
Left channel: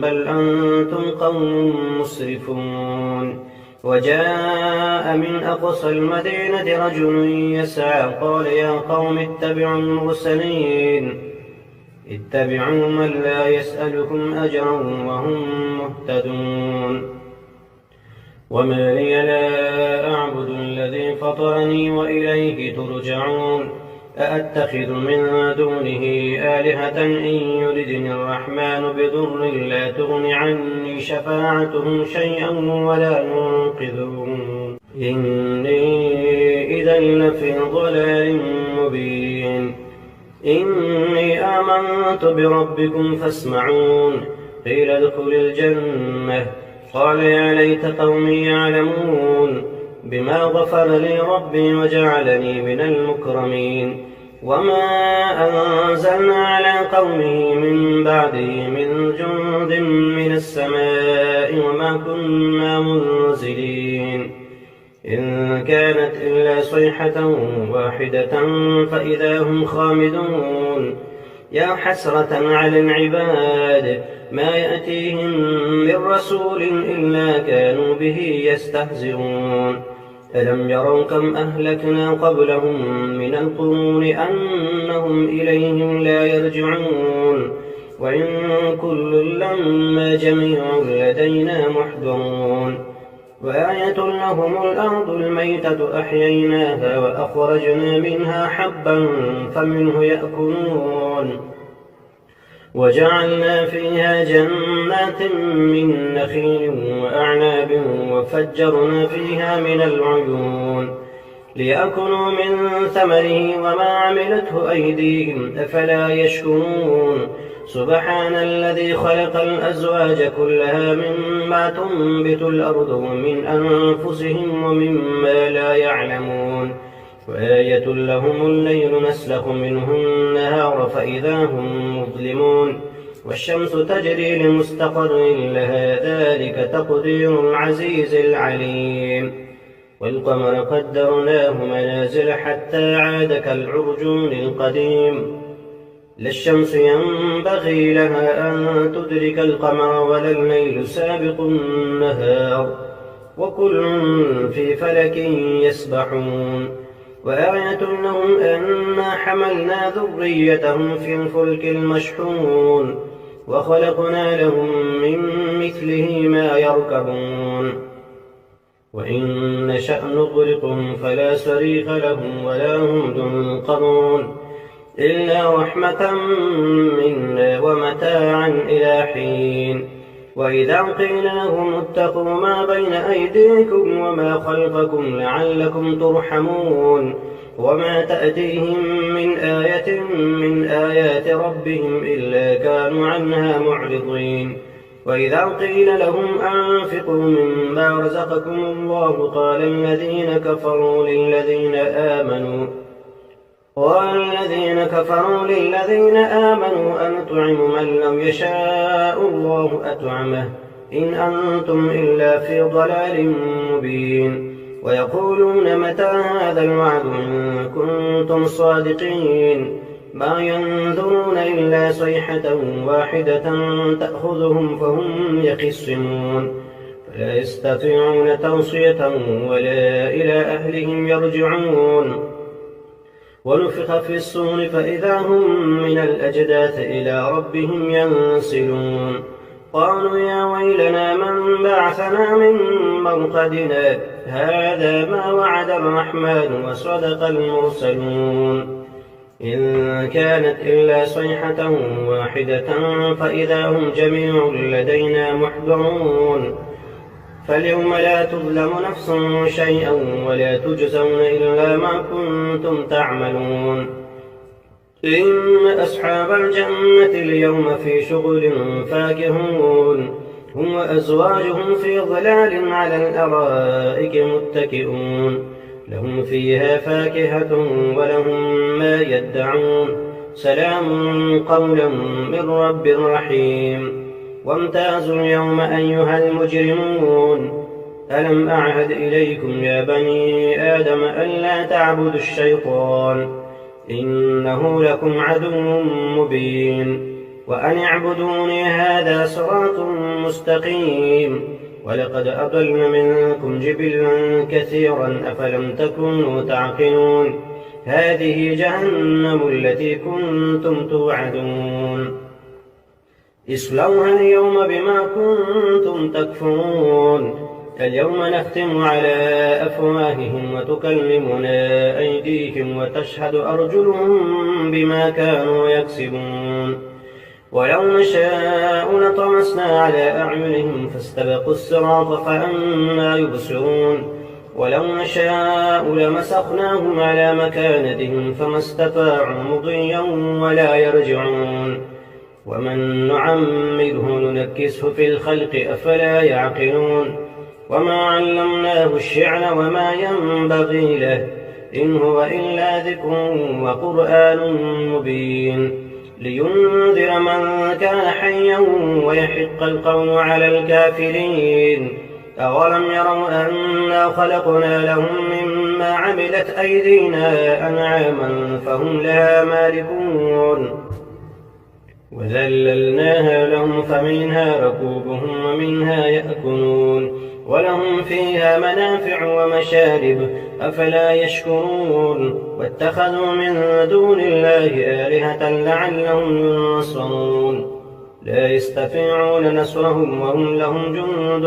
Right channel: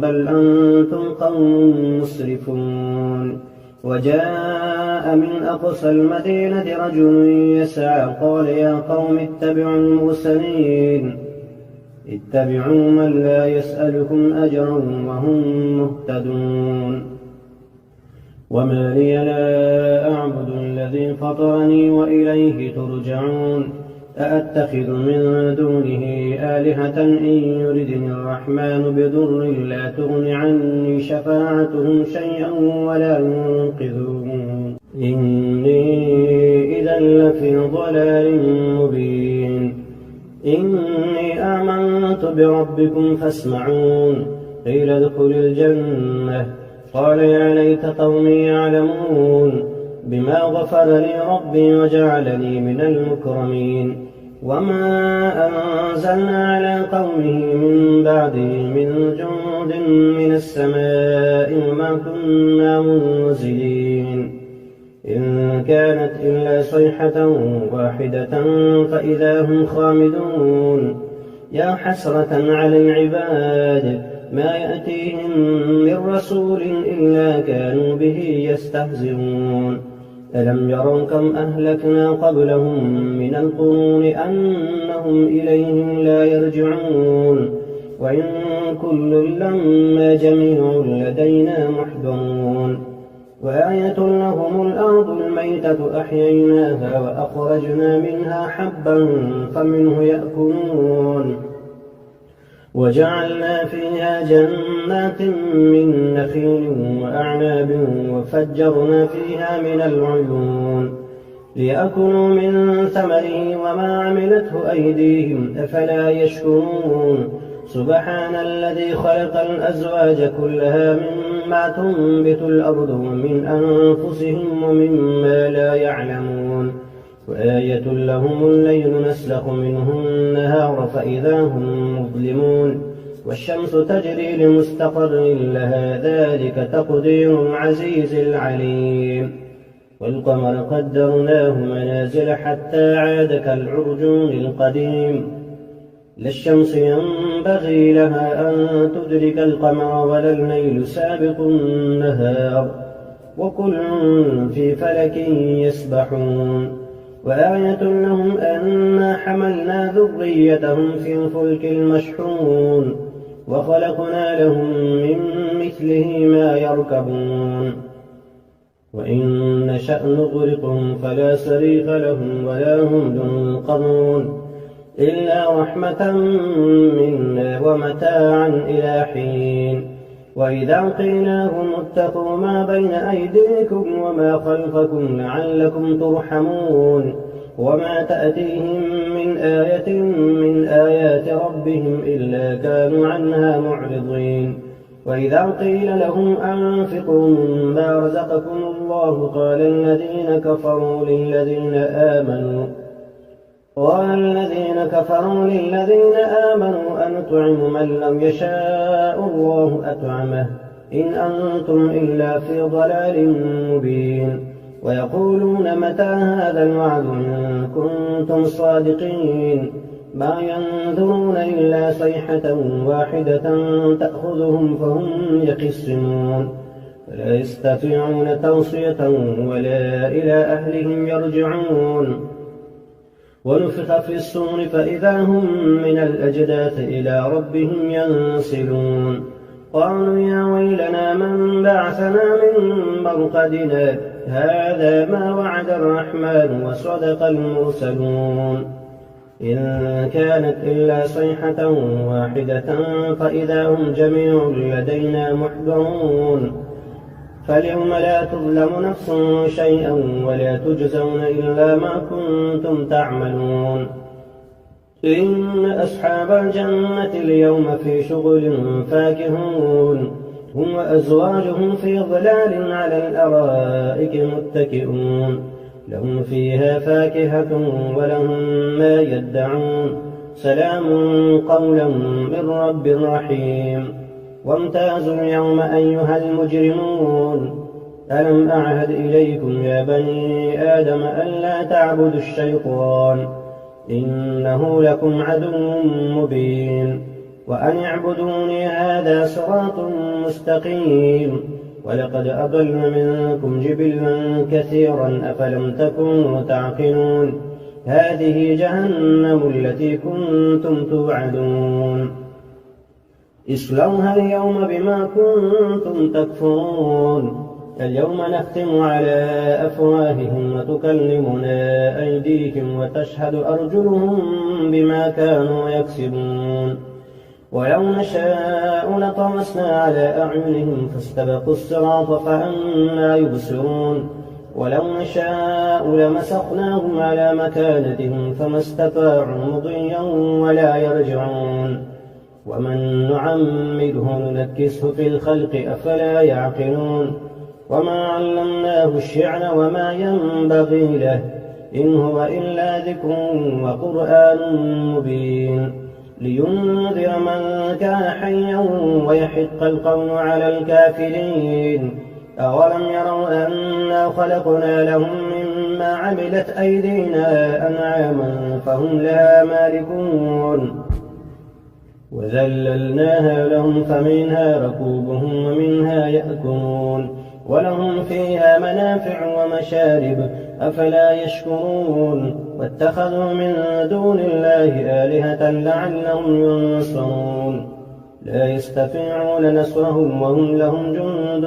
بل أنتم قوم مسرفون وجاء من أقصى المدينة رجل يسعى قال يا قوم اتبعوا المرسلين اتبعوا من لا يسألكم أجرا وهم مهتدون وما لي لا أعبد الذي فطرني وإليه ترجعون أأتخذ من دونه آلهة إن يردني الرحمن بضر لا تغن عني شفاعتهم شيئا ولا ينقذون إني إذا لفي ضلال مبين إني آمنت بربكم فاسمعون قيل ادخل الجنة قال يا ليت قومي يعلمون بما غفر لي ربي وجعلني من المكرمين وما أنزلنا على قومه من بعده من جند من السماء وما كنا منزلين إن كانت إلا صيحة واحدة فإذا هم خامدون يا حسرة على العباد ما يأتيهم من رسول إلا كانوا به يستهزئون ألم يروا كم أهلكنا قبلهم من القرون أنهم إليهم لا يرجعون وإن كل لما جميع لدينا محضرون وآية لهم الأرض الميتة أحييناها وأخرجنا منها حبا فمنه يأكلون وجعلنا فيها جنات من نخيل وأعناب وفجرنا فيها من العيون ليأكلوا من ثمره وما عملته أيديهم أفلا يشكرون سبحان الذي خلق الأزواج كلها مما تنبت الأرض ومن أنفسهم ومما لا يعلمون وآية لهم الليل نسلخ منه النهار فإذا هم مظلمون والشمس تجري لمستقر لها ذلك تقدير العزيز العليم والقمر قدرناه منازل حتى عاد كالعرجون القديم لا الشمس ينبغي لها أن تدرك القمر ولا الليل سابق النهار وكل في فلك يسبحون وآية لهم أنا حملنا ذريتهم في الفلك المشحون وخلقنا لهم من مثله ما يركبون وإن نشأ نغرقهم فلا صريخ لهم ولا هم ينقذون إلا رحمة منا ومتاعا إلى حين. وإذا قيل لهم اتقوا ما بين أيديكم وما خلفكم لعلكم ترحمون وما تأتيهم من آية من آيات ربهم إلا كانوا عنها معرضين. وإذا قيل لهم أنفقوا مما رزقكم الله قال الذين كفروا للذين آمنوا أنطعم من لم يشاء الله أطعمه إن أنتم إلا في ضلال مبين. ويقولون متى هذا الوعد إن كنتم صادقين ما ينظرون إلا صيحة واحدة تأخذهم فهم يخصمون فلا يستطيعون توصية ولا إلى أهلهم يرجعون. ونفخ في الصور فإذا هم من الأجداث إلى ربهم ينسلون. قالوا يا ويلنا من بعثنا من مرقدنا هذا ما وعد الرحمن وصدق المرسلون. إن كانت إلا صيحة واحدة فإذا هم جميع لدينا محضرون. فاليوم لا تظلم نفس شيئا ولا تجزون إلا ما كنتم تعملون. إن أصحاب الجنة اليوم في شغل فاكهون هم وأزواجهم في ظلال على الأرائك متكئون لهم فيها فاكهة ولهم ما يدعون سلام قولا من رب رحيم. وامتازوا اليوم أيها المجرمون ألم أعهد إليكم يا بني آدم ألا تعبدوا الشيطان إنه لكم عدو مبين وأن اعبدوني هذا صراط مستقيم. ولقد أضل منكم جبلا كثيرا أفلم تكونوا تعقلون هذه جهنم التي كنتم توعدون اصلوها اليوم بما كنتم تكفرون. اليوم نختم على أفواههم وتكلمنا أيديهم وتشهد أرجلهم بما كانوا يكسبون. ولو نشاء لطمسنا على أعينهم فاستبقوا الصراط فأنى يبصرون. ولو نشاء لمسخناهم على مكانتهم فما استطاعوا مضيا ولا يرجعون. ومن نعمره ننكسه في الخلق أفلا يعقلون. وما علمناه الشعر وما ينبغي له إن هو إلا ذكر وقرآن مبين لينذر من كان حيا ويحق القول على الكافرين. أولم يروا أنا خلقنا لهم مما عملت أيدينا أنعاما فهم لها مالكون وذللناها لهم فمنها ركوبهم ومنها يأكلون ولهم فيها منافع ومشارب أفلا يشكرون. واتخذوا من دون الله آلهة لعلهم ينصرون لا يستطيعون نصرهم وهم لهم جند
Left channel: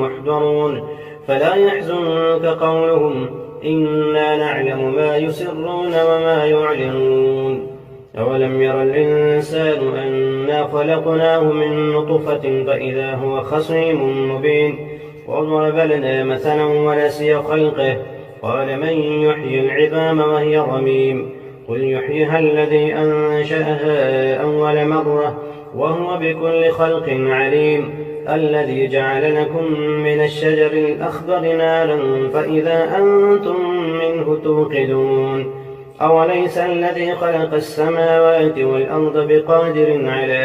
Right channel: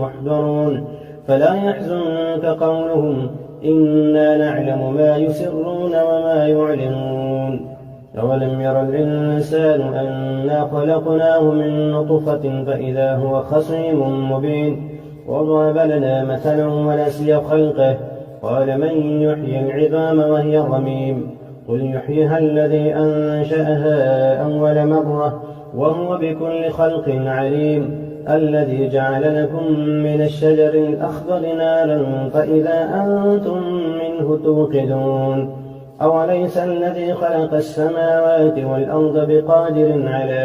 محضرون. فلا يحزنك قولهم إنا نعلم ما يسرون وما يعلنون. أولم ير الإنسان أنا خلقناه من نطفة فإذا هو خصيم مبين. وضرب لنا مثلا ونسي خلقه قال من يحيي العظام وهي رميم قل يحييها الذي أنشأها أول مرة وهو بكل خلق عليم. الذي جعل لكم من الشجر الأخضر نارا فإذا أنتم منه توقدون. أوليس الذي خلق السماوات والأرض بقادر على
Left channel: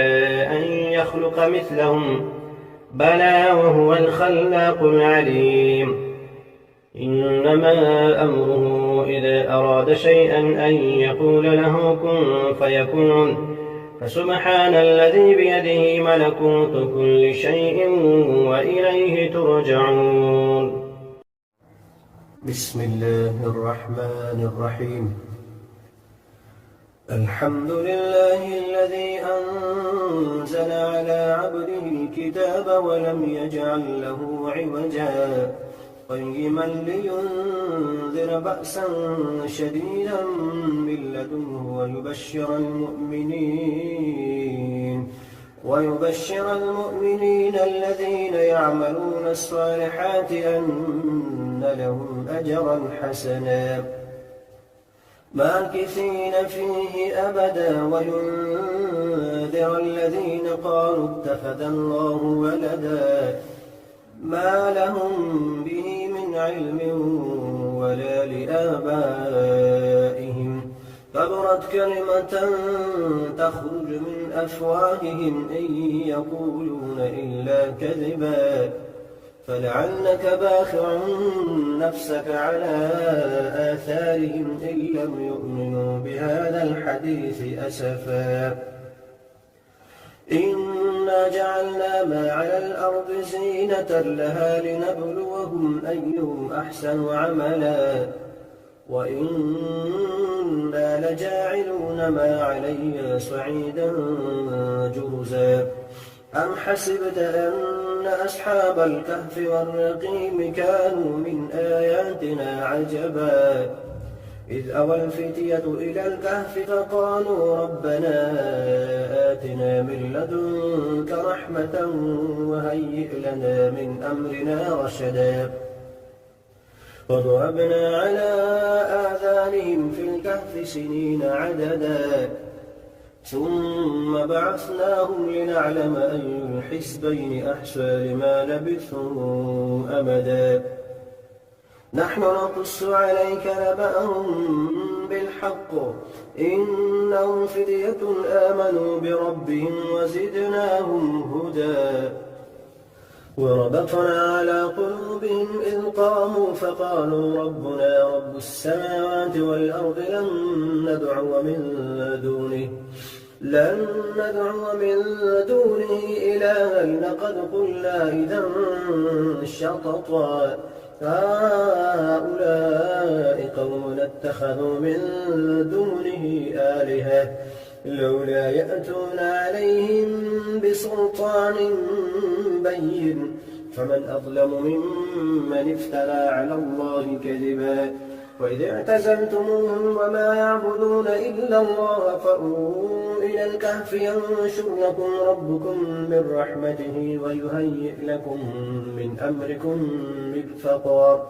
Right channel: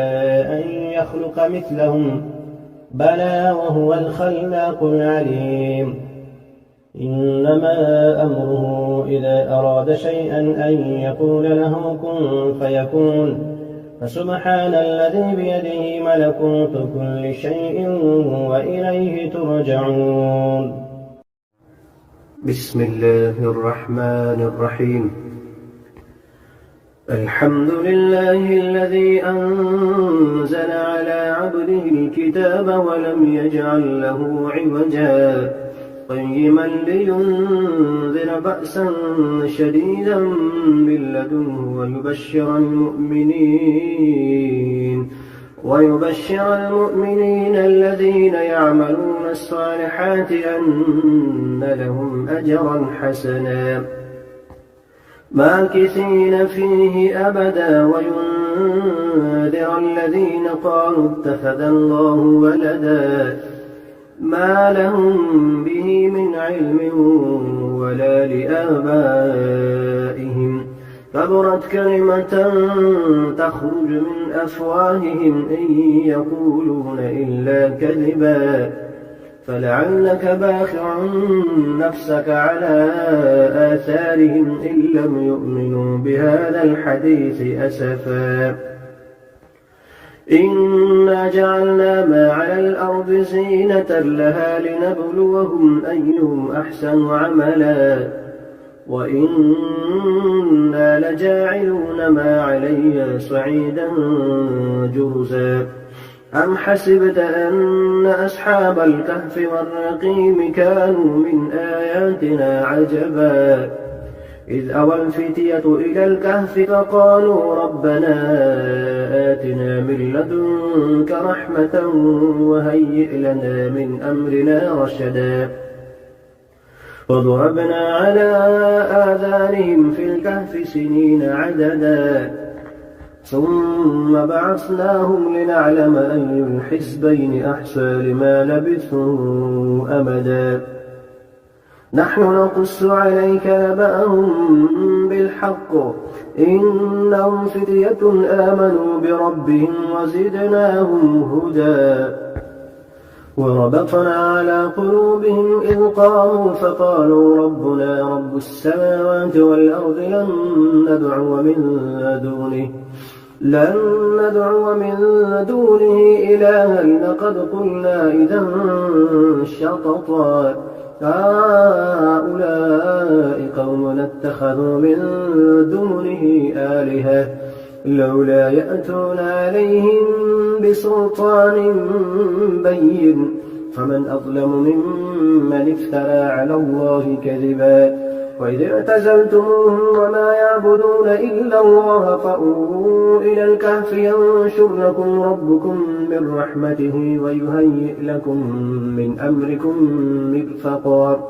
أن يخلق مثلهم بلى وهو الخلاق العليم. إنما أمره إذا أراد شيئا أن يقول له كن فيكون. فسبحان الذي بيده ملكوت كل شيء وإليه ترجعون. بسم الله الرحمن الرحيم. الحمد لله الذي أنزل على عبده الكتاب ولم يجعل له عوجا قيما لينذر بأسا شديدا من لدنه ويبشر المؤمنين الذين يعملون الصالحات أن لهم أجرا حسنا ماكثين فيه أبدا وينذر الذين قالوا اتخذ الله ولدا ما لهم به من علم ولا لآبائهم كبرت كلمة تخرج من أفواههم إن يقولون إلا كذبا فلعلك باخع نفسك على آثارهم إن لم يؤمنوا بهذا الحديث أسفا إنا جعلنا ما على الأرض زينة لها لنبلوهم أيهم أحسن عملا وإنا لجاعلون ما عليها صعيدا جرزا أم حسبت أن أصحاب الكهف والرقيم كانوا من آياتنا عجبا إذ أوى الفتية إلى الكهف فقالوا ربنا آتنا من لدنك رحمة وهيئ لنا من أمرنا رشدا وضربنا على آذانهم في الكهف سنين عددا ثم بعثناهم لنعلم أي الحزبين أحصى لما لبثوا أمدا نحن نقص عليك نبأهم بالحق إنهم فتية آمنوا بربهم وزدناهم هدى وربطنا على قلوبهم إذ قاموا فقالوا ربنا رب السماوات والأرض لن ندعو من دونه إلها لقد قلنا إذا شططا هؤلاء قوم اتخذوا من دونه آلهة لولا يأتون عليهم بسلطان بين فمن أظلم ممن افترى على الله كذبا وإذ اعتزلتموهم وما يعبدون إلا الله فأووا إلى الكهف ينشر لكم ربكم من رحمته ويهيئ لكم من أمركم مرفقا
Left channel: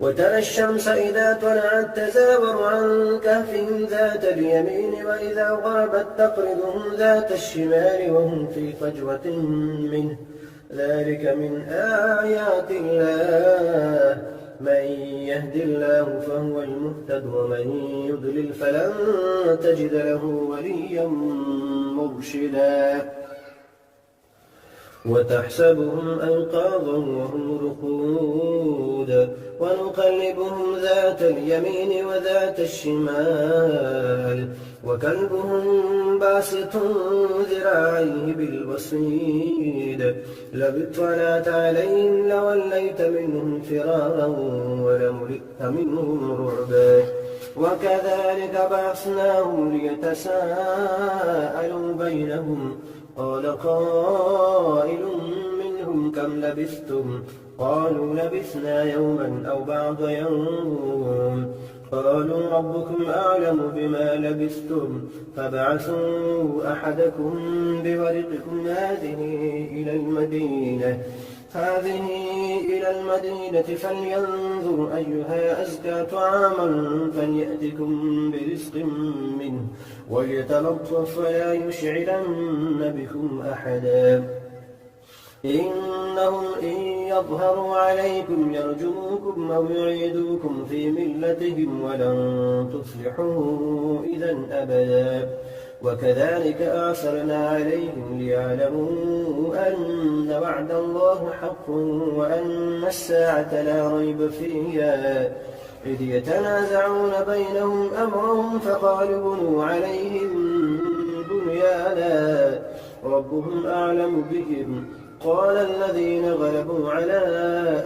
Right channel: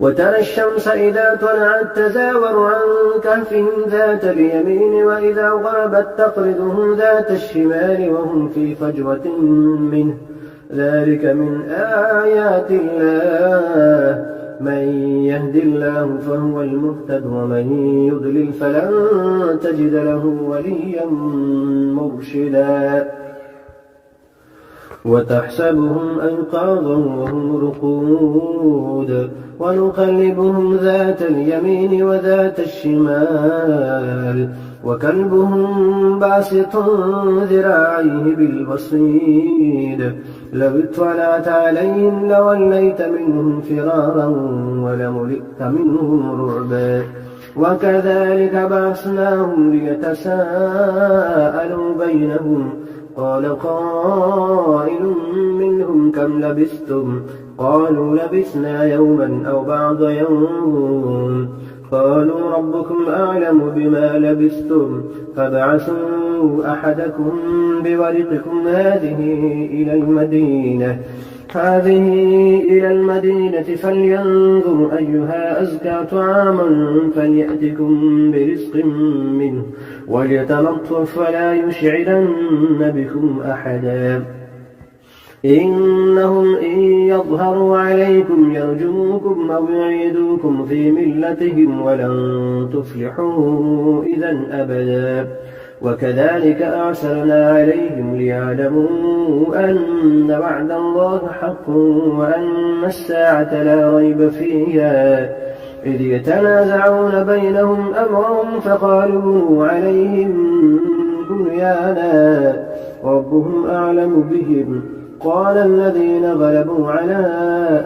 وترى الشمس إذا طلعت تزاور عن كهفهم ذات اليمين وإذا غربت تقرضهم ذات الشمال وهم في فجوة منه ذلك من آيات الله من يهد الله فهو المهتد ومن يضلل فلن تجد له وليا مرشدا وتحسبهم أيقاظا وهم رقود ونقلبهم ذات اليمين وذات الشمال وكلبهم باسط ذراعيه بالوصيد لو اطلعت عليهم لوليت منهم فرارا ولملئت منهم رعبا وكذلك بعثناهم ليتساءلوا بينهم قال قائل منهم كم لبثتم قالوا لبثنا يوما أو بعض يوم قالوا ربكم أعلم بما لبثتم فابعثوا أحدكم بورقكم هذه إلى المدينة فلينظر أيها أزكى طعاما فليأتكم برزق منه وليتلطف ولا يشعرن بكم أحدا إنهم إن يظهروا عليكم يرجموكم أو يعيدوكم في ملتهم ولن تفلحوا إذا أبدا وكذلك أعثرنا عليهم ليعلموا أن وعد الله حق وأن الساعة لا ريب فيها إذ يتنازعون بينهم أمرهم فقالوا بنوا عليهم بنيانا ربهم أعلم بهم قال الذين غلبوا على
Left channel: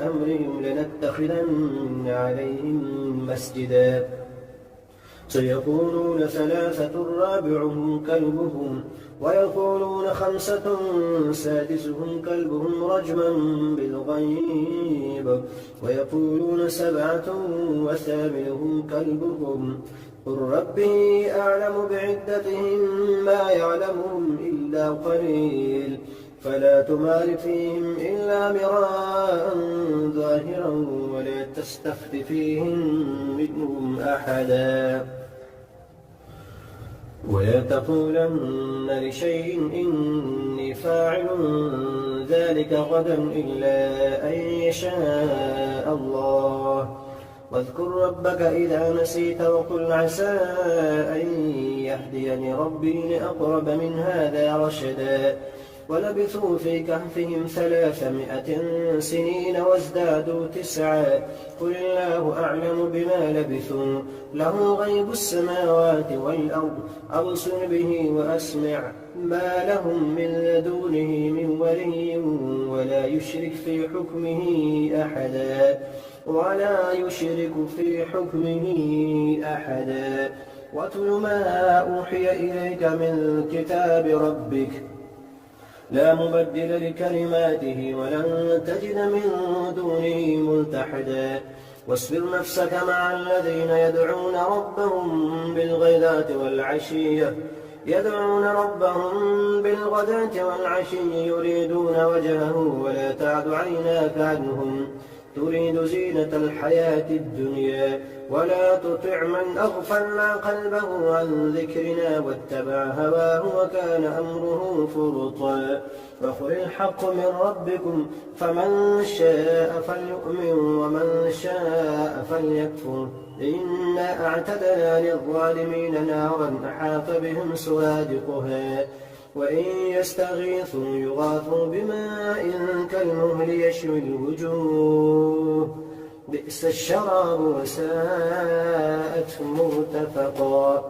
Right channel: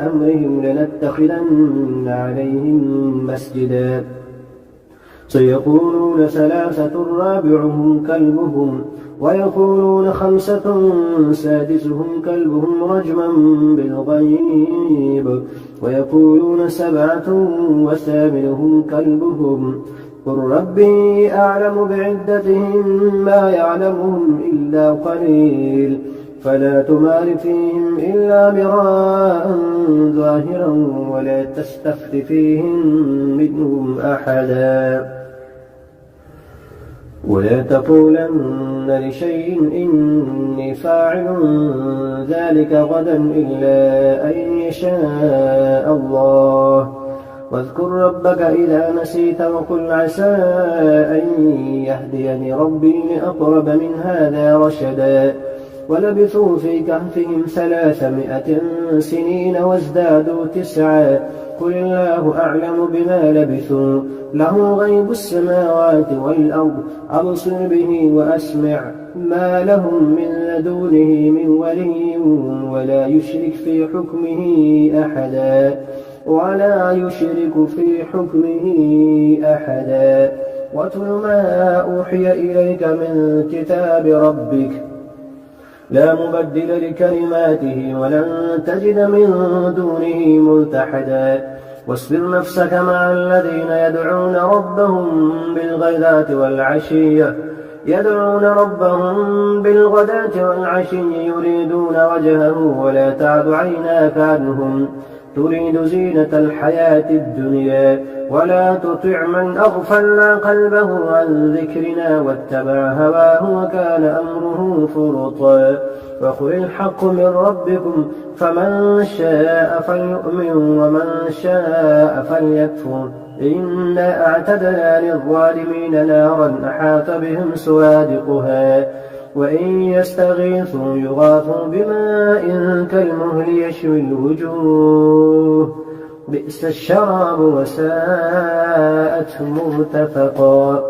أمرهم لنتخذن عليهم مسجدا سيقولون ثلاثة رابعهم كلبهم ويقولون خمسة سادسهم كلبهم رجما بالغيب ويقولون سبعة وثامنهم كلبهم قل ربي أعلم بعدتهم ما يعلمهم إلا قليل فلا تمار فيهم إلا مراء ظاهرا ولا تستفت فيهم منهم أحدا ولا تقولن لشيء إني فاعل ذلك غدا إلا أن يشاء الله واذكر ربك إذا نسيت وقل عسى أن يهديني ربي لأقرب من هذا رشدا ولبثوا في كهفهم 300 سنين وازدادوا 9 قل الله أعلم بما لبثوا له غيب السماوات والأرض أبصر به وأسمع ما لهم من دونه من ولي ولا يشرك في حكمه أحدا واتل ما أوحي إليك من كتاب ربك لا مبدل لكلماته ولن تجد من دونه ملتحدا واصبر نفسك مع الذين يدعون ربهم بالغداة والعشي يريدون وجهه ولا تعد عيناك عنهم تريد زينة الحياة الدنيا ولا تطع من أغفلنا قلبه عن ذكرنا واتبع هواه وكان أمره فرطا وقل الحق من ربكم فمن شاء فليؤمن ومن شاء فليكفر إنا أعتدنا للظالمين نارا أحاط بهم سرادقها وإن يستغيثوا يغاثوا بماء كالمهل يشوي الوجوه بئس الشراب وساءت مرتفقا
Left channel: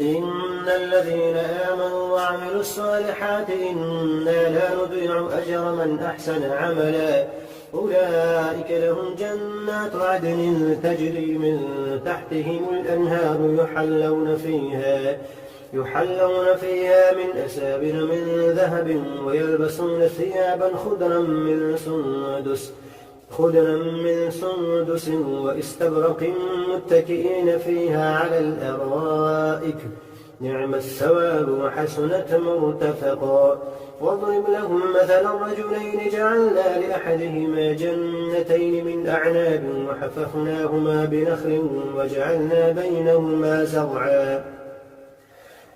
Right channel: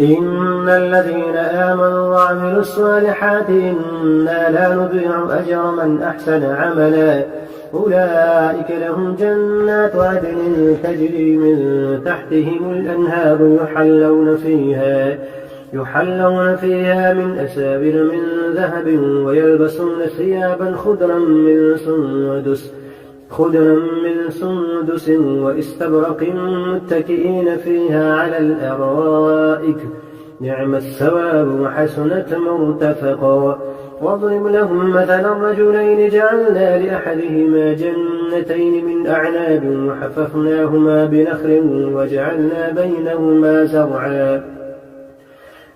إن الذين آمنوا وعملوا الصالحات إنا لا نضيع أجر من أحسن عملا أولئك لهم جنات عدن تجري من تحتهم الأنهار يحلون فيها من أسابر من ذهب ويلبسون ثيابا خضرا من سندس واستبرق متكئين فيها على الأرائك نعم الثواب وحسنت مرتفقا واضرب لهم مثلا رجلين جعلنا لأحدهما جنتين من أعناب وحففناهما بنخل وجعلنا بينهما زرعا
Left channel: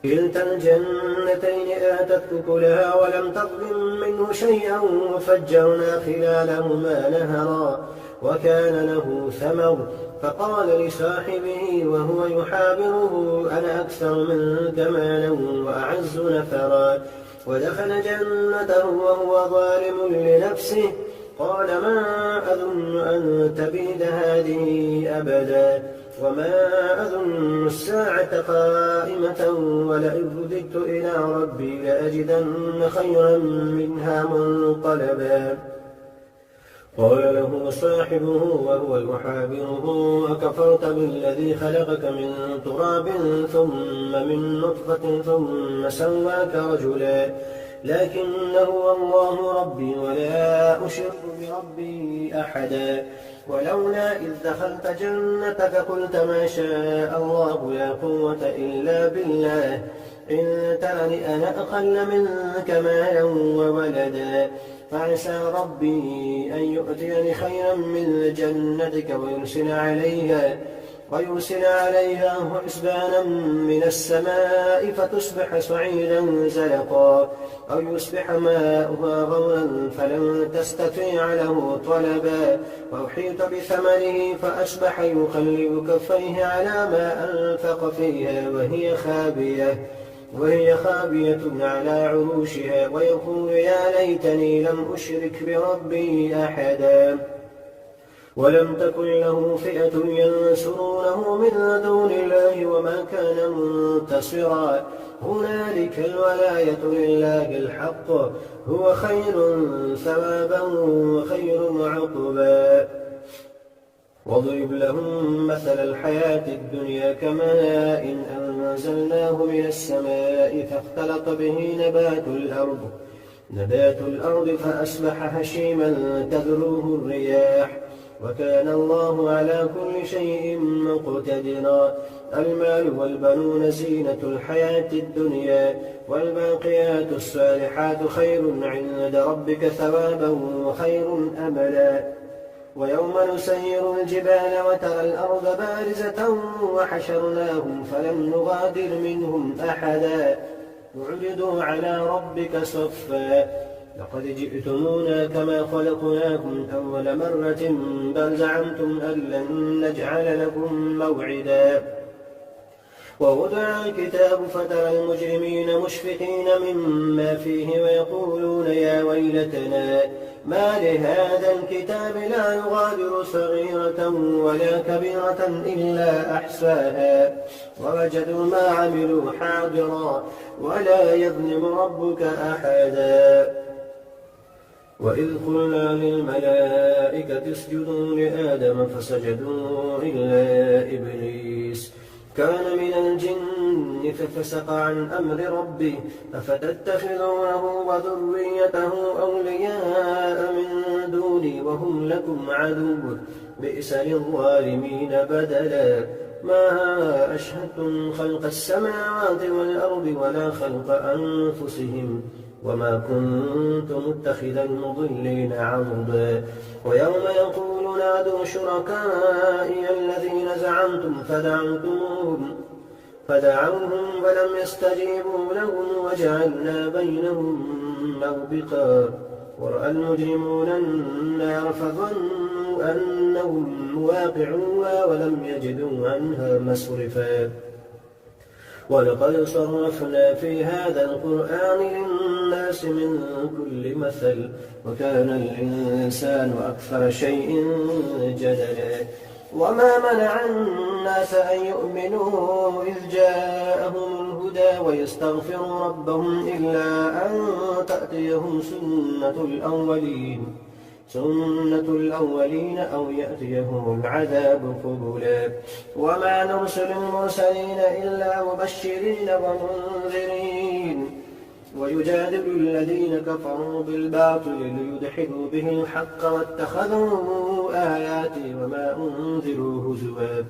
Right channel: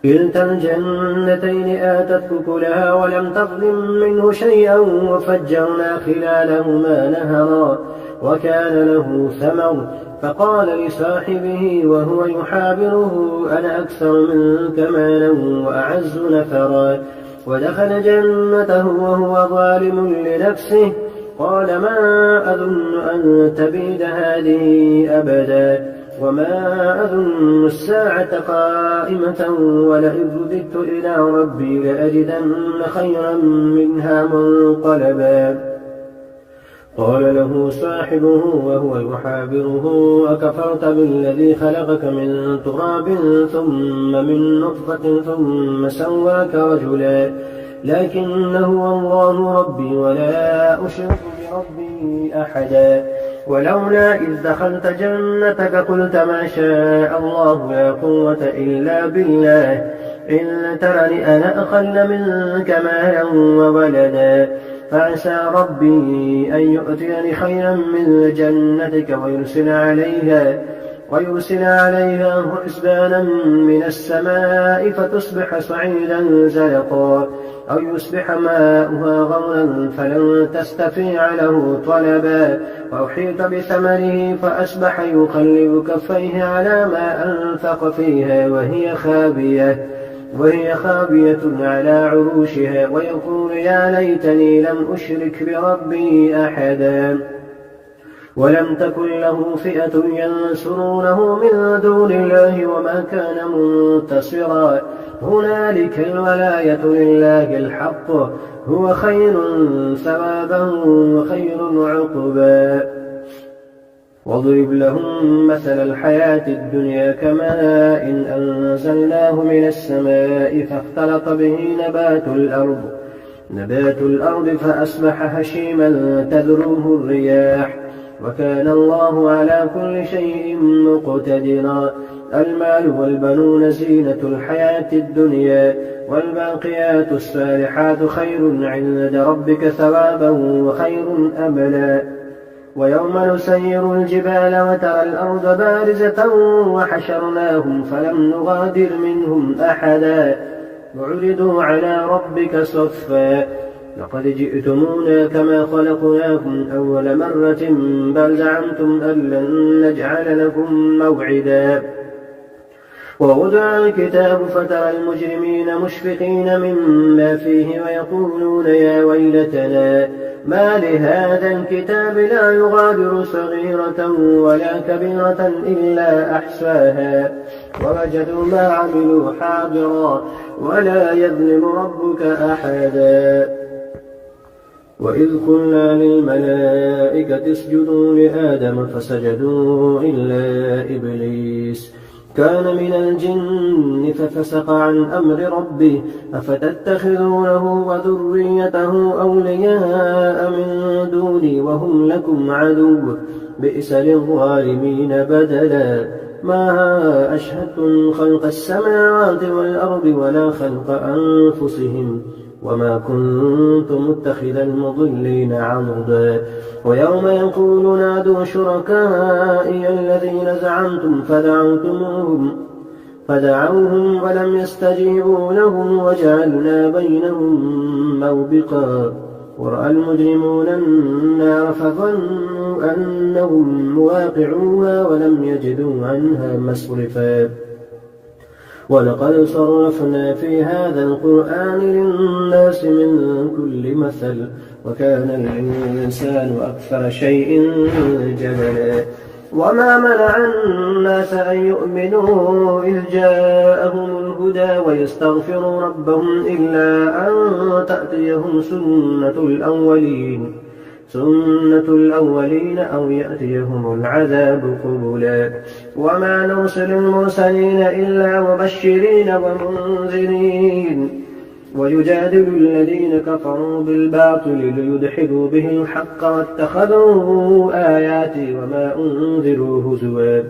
كلتا الجنتين آتت أكلها ولم تظلم منه شيئا وفجرنا خلالهما نهرا وكان له ثمر فقال لصاحبه وهو يحاوره أنا أكثر منك مالا وأعز نفرا ودخل جنته وهو ظالم لنفسه قال ما أظن أن تبيد هذه أبدا وما أظن الساعة قائمة ولئن رددت إلى ربي لأجدن خيرا منها منقلبا قال له صاحبه وهو يحاوره أكفرت بالذي خلقك من تراب ثم من نطفة ثم سواك رجلا لكن هو الله ربي ولا أشرك بربي أحدا ولولا إذ دخلت جنتك قلت ما شاء الله لا قوة إلا بالله إن ترني أنا أقل منك مالا وولدا فعسى ربي أن يؤتيني خيرا من جنتك ويرسل عليها حسبانا من السماء فتصبح صعيدا زلقا أو يصبح ماؤها غورا فلن تستطيع له طلبا وأحيط بثمره فأصبح يقلب كفيه على ما أنفق فيها وهي خابية على عروشها ويقول يا ليتني لم أشرك بربي أحدا ولم تكن له فئة ينصرونه من دون الله وما كان منتصرا هنالك الولاية لله الحق هو خير ثوابا وخير عقبا واضرب لهم مثل الحياة الدنيا كماء إن أنزلناه من السماء فاختلط به نبات الأرض فأصبح هشيما تذروه الرياح وكان الله على كل شيء مقتدرا. المال والبنون زينة الحياة الدنيا والباقيات الصالحات خير عند ربك ثوابا وخير أملا. ويوم نسير الجبال وترى الأرض بارزة وحشرناهم فلم نغادر منهم أحدا وعرضوا على ربك صفا لقد جئتمونا كما خلقناكم أول مرة بل زعمتم أن لن نجعل لكم موعدا. ووضع الكتاب فترى المجرمين مشفقين مما فيه ويقولون يا ويلتنا ما لهذا الكتاب لا يغادر صغيرة ولا كبيرة إلا أحصاها ووجدوا ما عملوا حاضرا ولا يظلم ربك أحدا. وإذ قلنا للملائكة اسجدوا لآدم فسجدوا إلا إبليس كان من الجن ففسق عن أمر ربه أفتتخذونه وذريته أولياء من دوني وهم لكم عدو بئس للظالمين بدلا. ما أشهدتم خلق السماوات والأرض ولا خلق أنفسهم وما كنت متخذ المضلين عضدا. ويوم يقول نادوا شركائي الذين زعمتم فدعوهم ولم يستجيبوا لهم وجعلنا بينهم موبقا. ورأى المجرمون النار فظنوا أنهم مواقعوها ولم يجدوا عنها مصرفا. ولقد صرفنا في هذا القرآن للناس من كل مثل وكان الإنسان أكثر شيء جدلا. وما منع الناس أن يؤمنوا إذ جاءهم الهدى ويستغفروا ربهم إلا أن تأتيهم سنة الأولين أو يأتيهم العذاب قبلا. وما نرسل المرسلين إلا مبشرين ومنذرين ويجادل الذين كفروا بالباطل ليدحضوا به الحق واتخذوا آياتي وما أنذروا هزوا.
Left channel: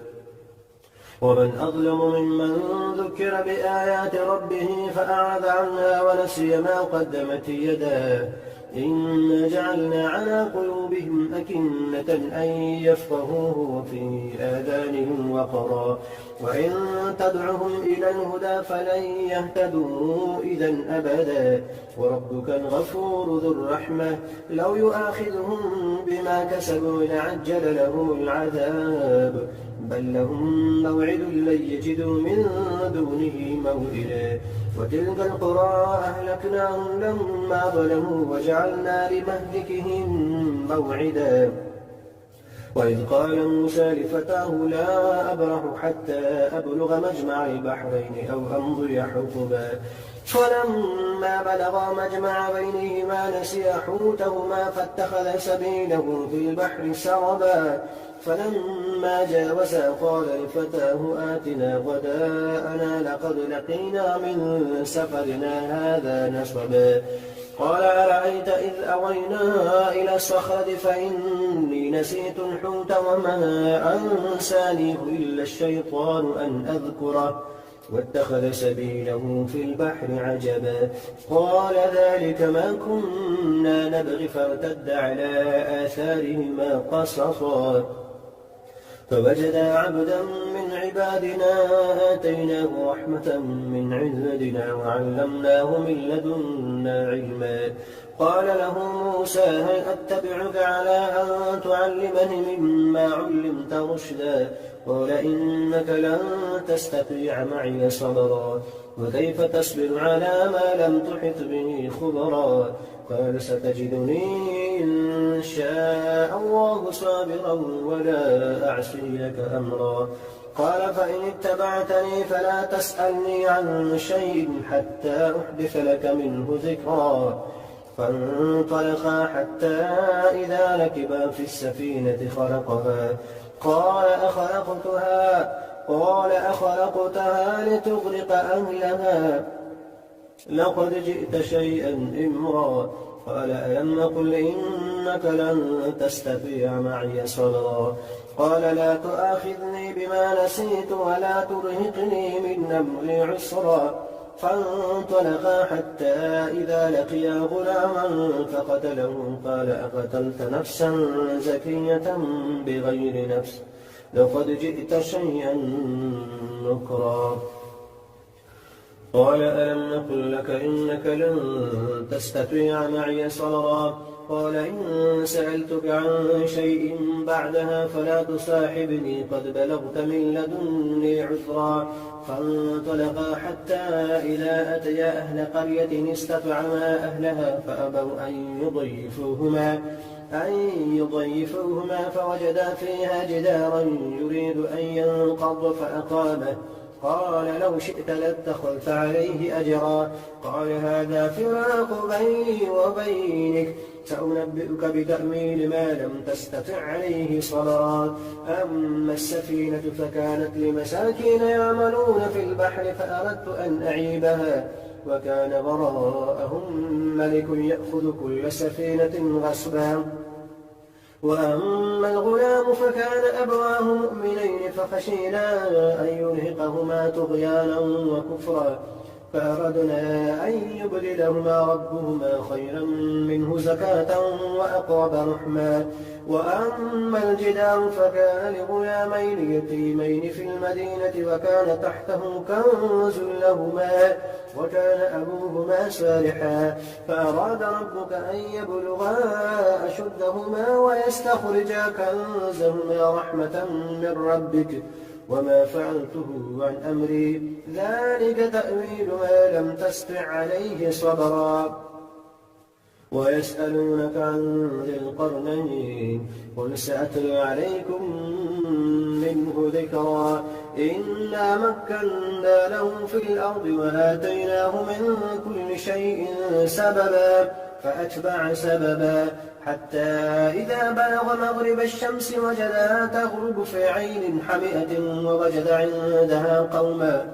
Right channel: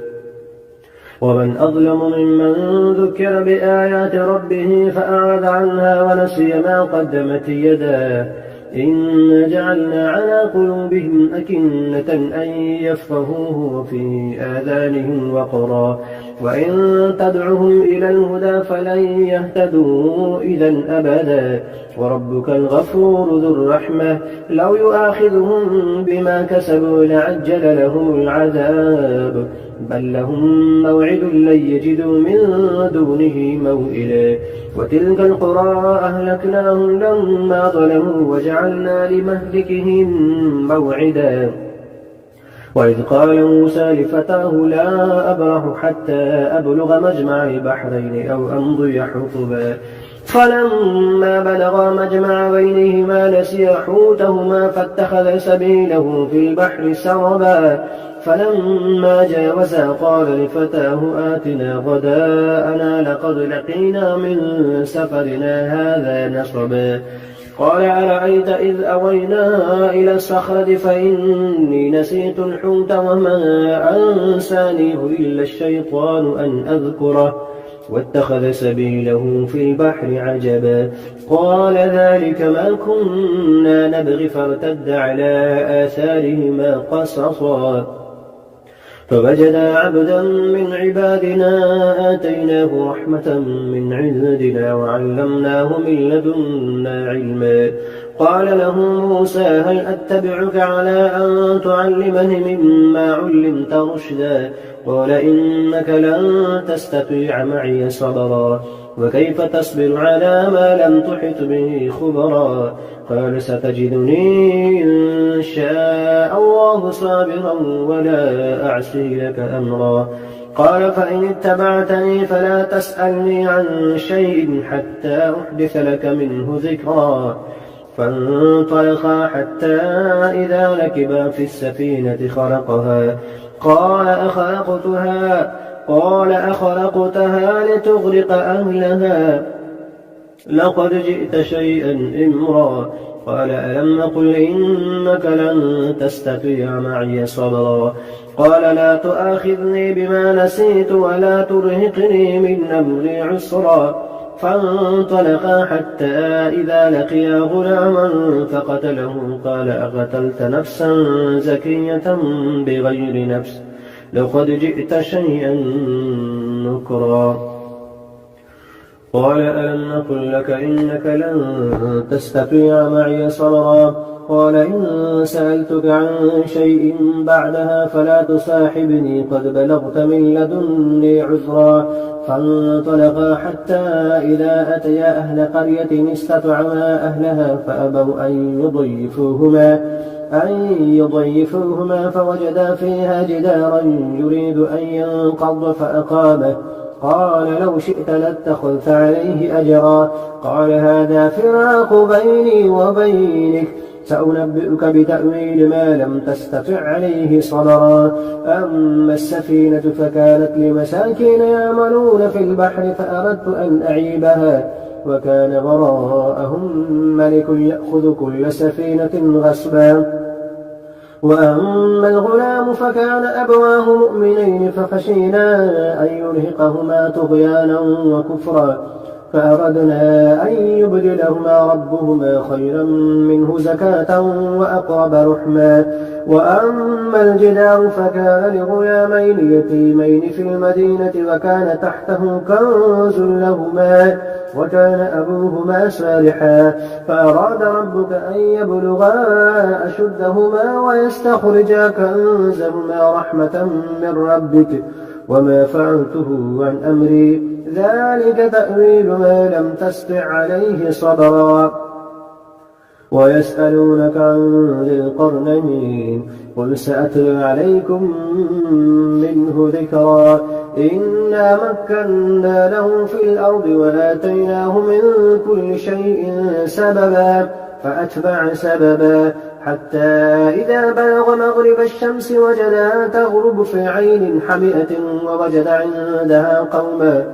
ومن أظلم ممن ذكر بآيات ربه فأعرض عنها ونسي ما قدمت يداه إنا جعلنا على قلوبهم أكنة أن يفقهوه وفي آذانهم وقرا وإن تدعهم إلى الهدى فلن يهتدوا إذا أبدا. وربك الغفور ذو الرحمة لو يؤاخذهم بما كسبوا لعجل لهم العذاب بل لهم موعد لن يجدوا من دونه موئلا. وتلك القرى أهلكناهم لما ظلموا وجعلنا لمهلكهم موعدا. وإذ قال موسى لفتاه لا أبرح حتى أبلغ مجمع البحرين أو أمضي حقبا فلما بلغا مجمع بينهما نسيا حوتهما فاتخذ سبيله في البحر سربا فلما جاوزا قال لفتاه آتنا غداءنا لقد لقينا من سفرنا هذا نصبا قال أرأيت إذ أوينا إلى الصخرة فإني نسيت الحوت وما أنسانيه إلا الشيطان أن أذكره واتخذ سبيله في البحر عجبا قال ذلك ما كنا نبغي فارتد على آثارهما قصصا فوجدا عبدا من عبادنا آتيناه رحمة من عندنا وعلمناه من لدنا علما قال له موسى هل أتبعك على أن تعلمني مما علمت رشدا قال إنك لن تستطيع معي صبرا وكيف تصبر على ما لم تحط به خبرا قال ستجدني إن شاء الله صابرا ولا أعصي لك أمرا قال فإن اتبعتني فلا تسألني عن شيء حتى أحدث لك منه ذكرا فانطلقا حتى إذا ركبا في السفينة قال أخلقتها لتغرق أهلها لقد جئت شيئا إمرا. قال ألم أقل إنك لن تستطيع معي صبرا. قال لا تؤاخذني بما نسيت ولا ترهقني من أمري عسرا. فانطلقا حتى إذا لقيا غلاما فقتله. قال أقتلت نفسا زكية بغير نفس لقد جئت شيئا نكرا. قال ألم نقل لك إنك لن تستطيع معي صبرا. قال إن سألتك عن شيء بعدها فلا تصاحبني قد بلغت من لدني عذرا. فانطلقا حتى إذا أتيا أهل قرية استطعما أهلها فأبوا أن يضيفوهما فوجدا فيها جدارا يريد أن ينقض فأقامه. قال لو شئت لاتخذت عليه أجرا. قال هذا فراق بيني وبينك سأنبئك بتأويل ما لم تستطع عليه صبرا. أما السفينة فكانت لمساكين يعملون في البحر فأردت أن أعيبها وكان وراءهم ملك يأخذ كل سفينة غصبا. وأما الغلام فكان أبواه مؤمنين فخشينا أن يرهقهما طغيانا وكفرا فأردنا أن يبدلهما ربهما خيرا منه زكاة وأقرب رحما. وأما الجدار فكان لغلامين يتيمين في المدينة وكان تحته كنز لهما وكان أبوهما صالحا فأراد ربك أن يبلغا أشدهما ويستخرجا كنزهما رحمة من ربك وما فعلته عن أمري ذلك تأويل ما لم تستطع عليه صبرا. ويسألونك عن ذي القرنين قل سأتلو عليكم منه ذكرا. إنا مكنا له في الأرض وآتيناه من كل شيء سببا فأتبع سببا حتى إذا بلغ مغرب الشمس وجدها تغرب في عين حمئة ووجد عندها قوما.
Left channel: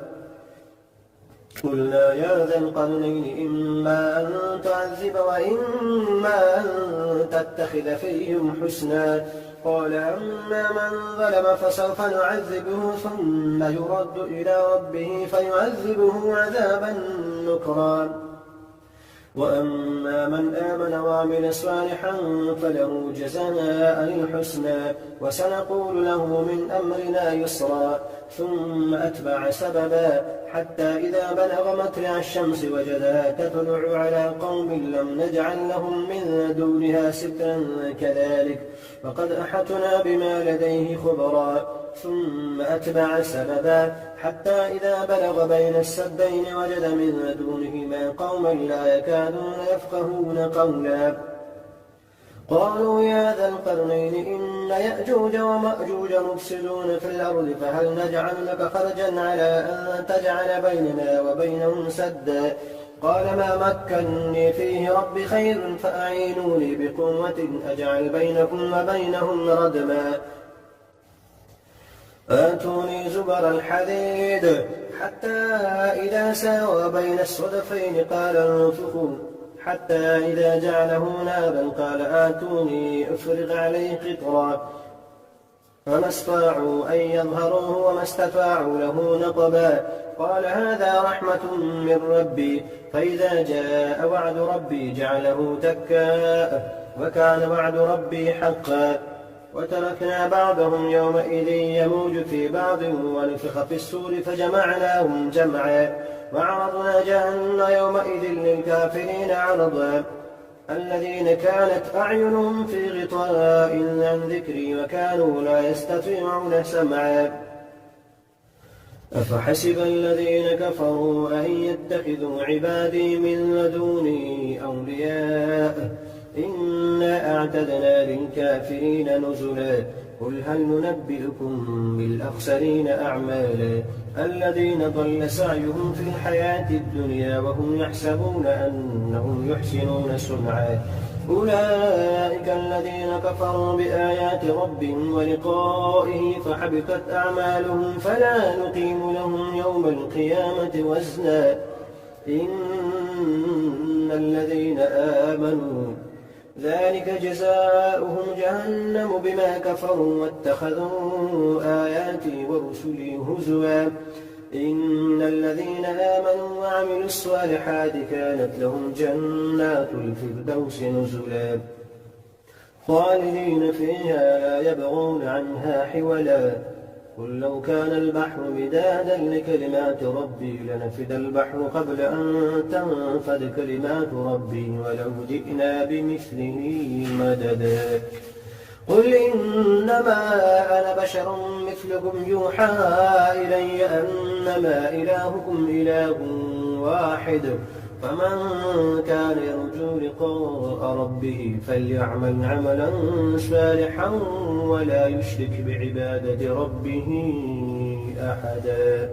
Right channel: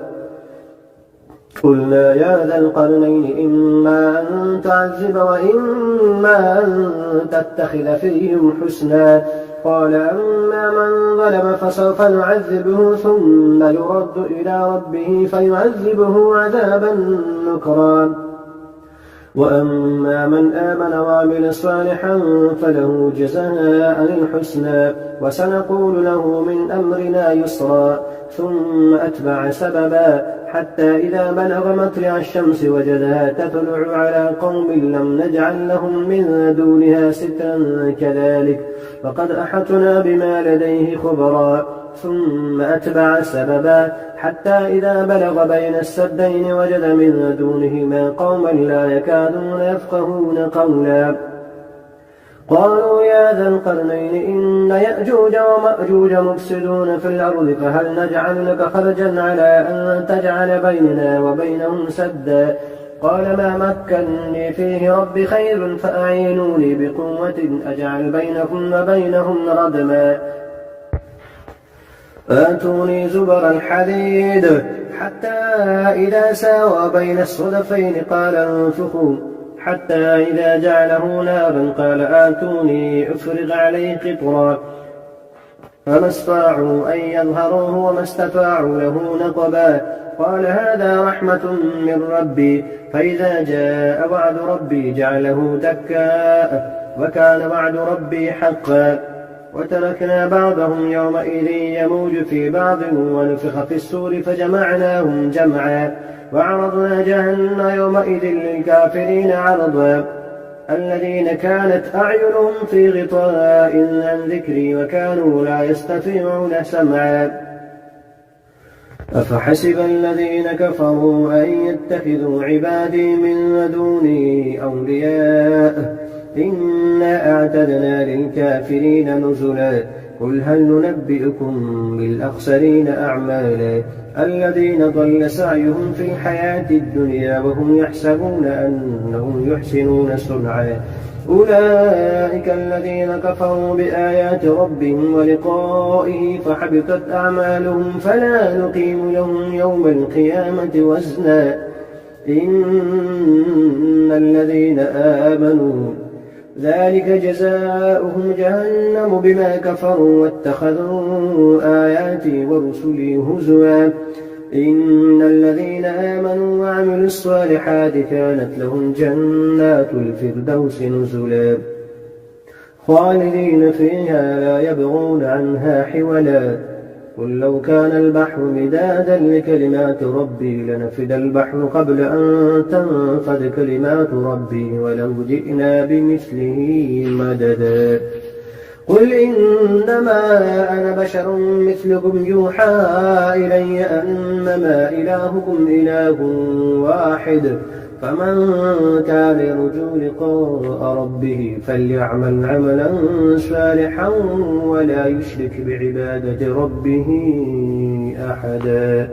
قلنا يا ذا القرنين إما أن تعذب وإما أن تتخذ فيهم حسنا. قال أما من ظلم فسوف نعذبه ثم يرد إلى ربه فيعذبه عذابا نكرا. وأما من آمن وعمل صالحا فله جزاء الحسنى وسنقول له من أمرنا يسرا. ثم أتبع سببا حتى إذا بلغ مطلع الشمس وجدها تطلع على قوم لم نجعل لهم من دونها سترا كذلك فقد أحطنا بما لديه خبرا. ثم أتبع سببا حتى إذا بلغ بين السدين وجد من دونهما قوما لا يكادون يفقهون قولا. قالوا يا ذا القرنين إن يأجوج ومأجوج مفسدون في الأرض فهل نجعل لك خرجا على أن تجعل بيننا وبينهم سدا. قال ما مكنني فيه ربي خير فأعينوني بقوة أجعل بينكم وبينهم ردما. آتوني زبر الحديد حتى إذا ساوى بين الصدفين قال انفخوا حتى إذا جعله نارا قال آتوني أفرغ عليه قطرا. فما استطاعوا أن يظهروه وما استطاعوا له نقبا. قال هذا رحمة من ربي فإذا جاء وعد ربي جعله دكا وكان وعد ربي حقا. وتركنا بعضهم يومئذ يموج في بعض ونفخ في السور فجمعناهم جمعا وعرضنا جهنم يومئذ للكافرين عرضا. الذين كانت أعينهم في غطاء عن ذكري وكانوا لا يستطيعون سمعا. أفحسب الذين كفروا أن يتخذوا عبادي من دوني أولياء إنا أعتدنا للكافرين نزلا. قل هل ننبئكم بالأخسرين أعمالا الذين ضل سعيهم في الحياة الدنيا وهم يحسبون أنهم يحسنون صنعا أولئك الذين كفروا بآيات ربهم ولقائه فحبطت أعمالهم فلا نقيم لهم يوم القيامة وزنا إن الذين آمنوا ذلك جزاؤهم جهنم بما كفروا واتخذوا آياتي ورسلي هزوا إن الذين آمنوا وعملوا الصالحات كانت لهم جنات الفردوس نزلا خالدين فيها لا يبغون عنها حولا قل لو كان البحر مدادا لكلمات ربي لنفد البحر قبل أن تنفد كلمات ربي ولو جئنا بمثله مددا قل إنما أنا بشر مثلكم يوحى إلي أنما إلهكم إله واحد فمن كان يرجو لقاء ربه فليعمل عملا صالحا ولا يشرك بعبادة ربه أحدا.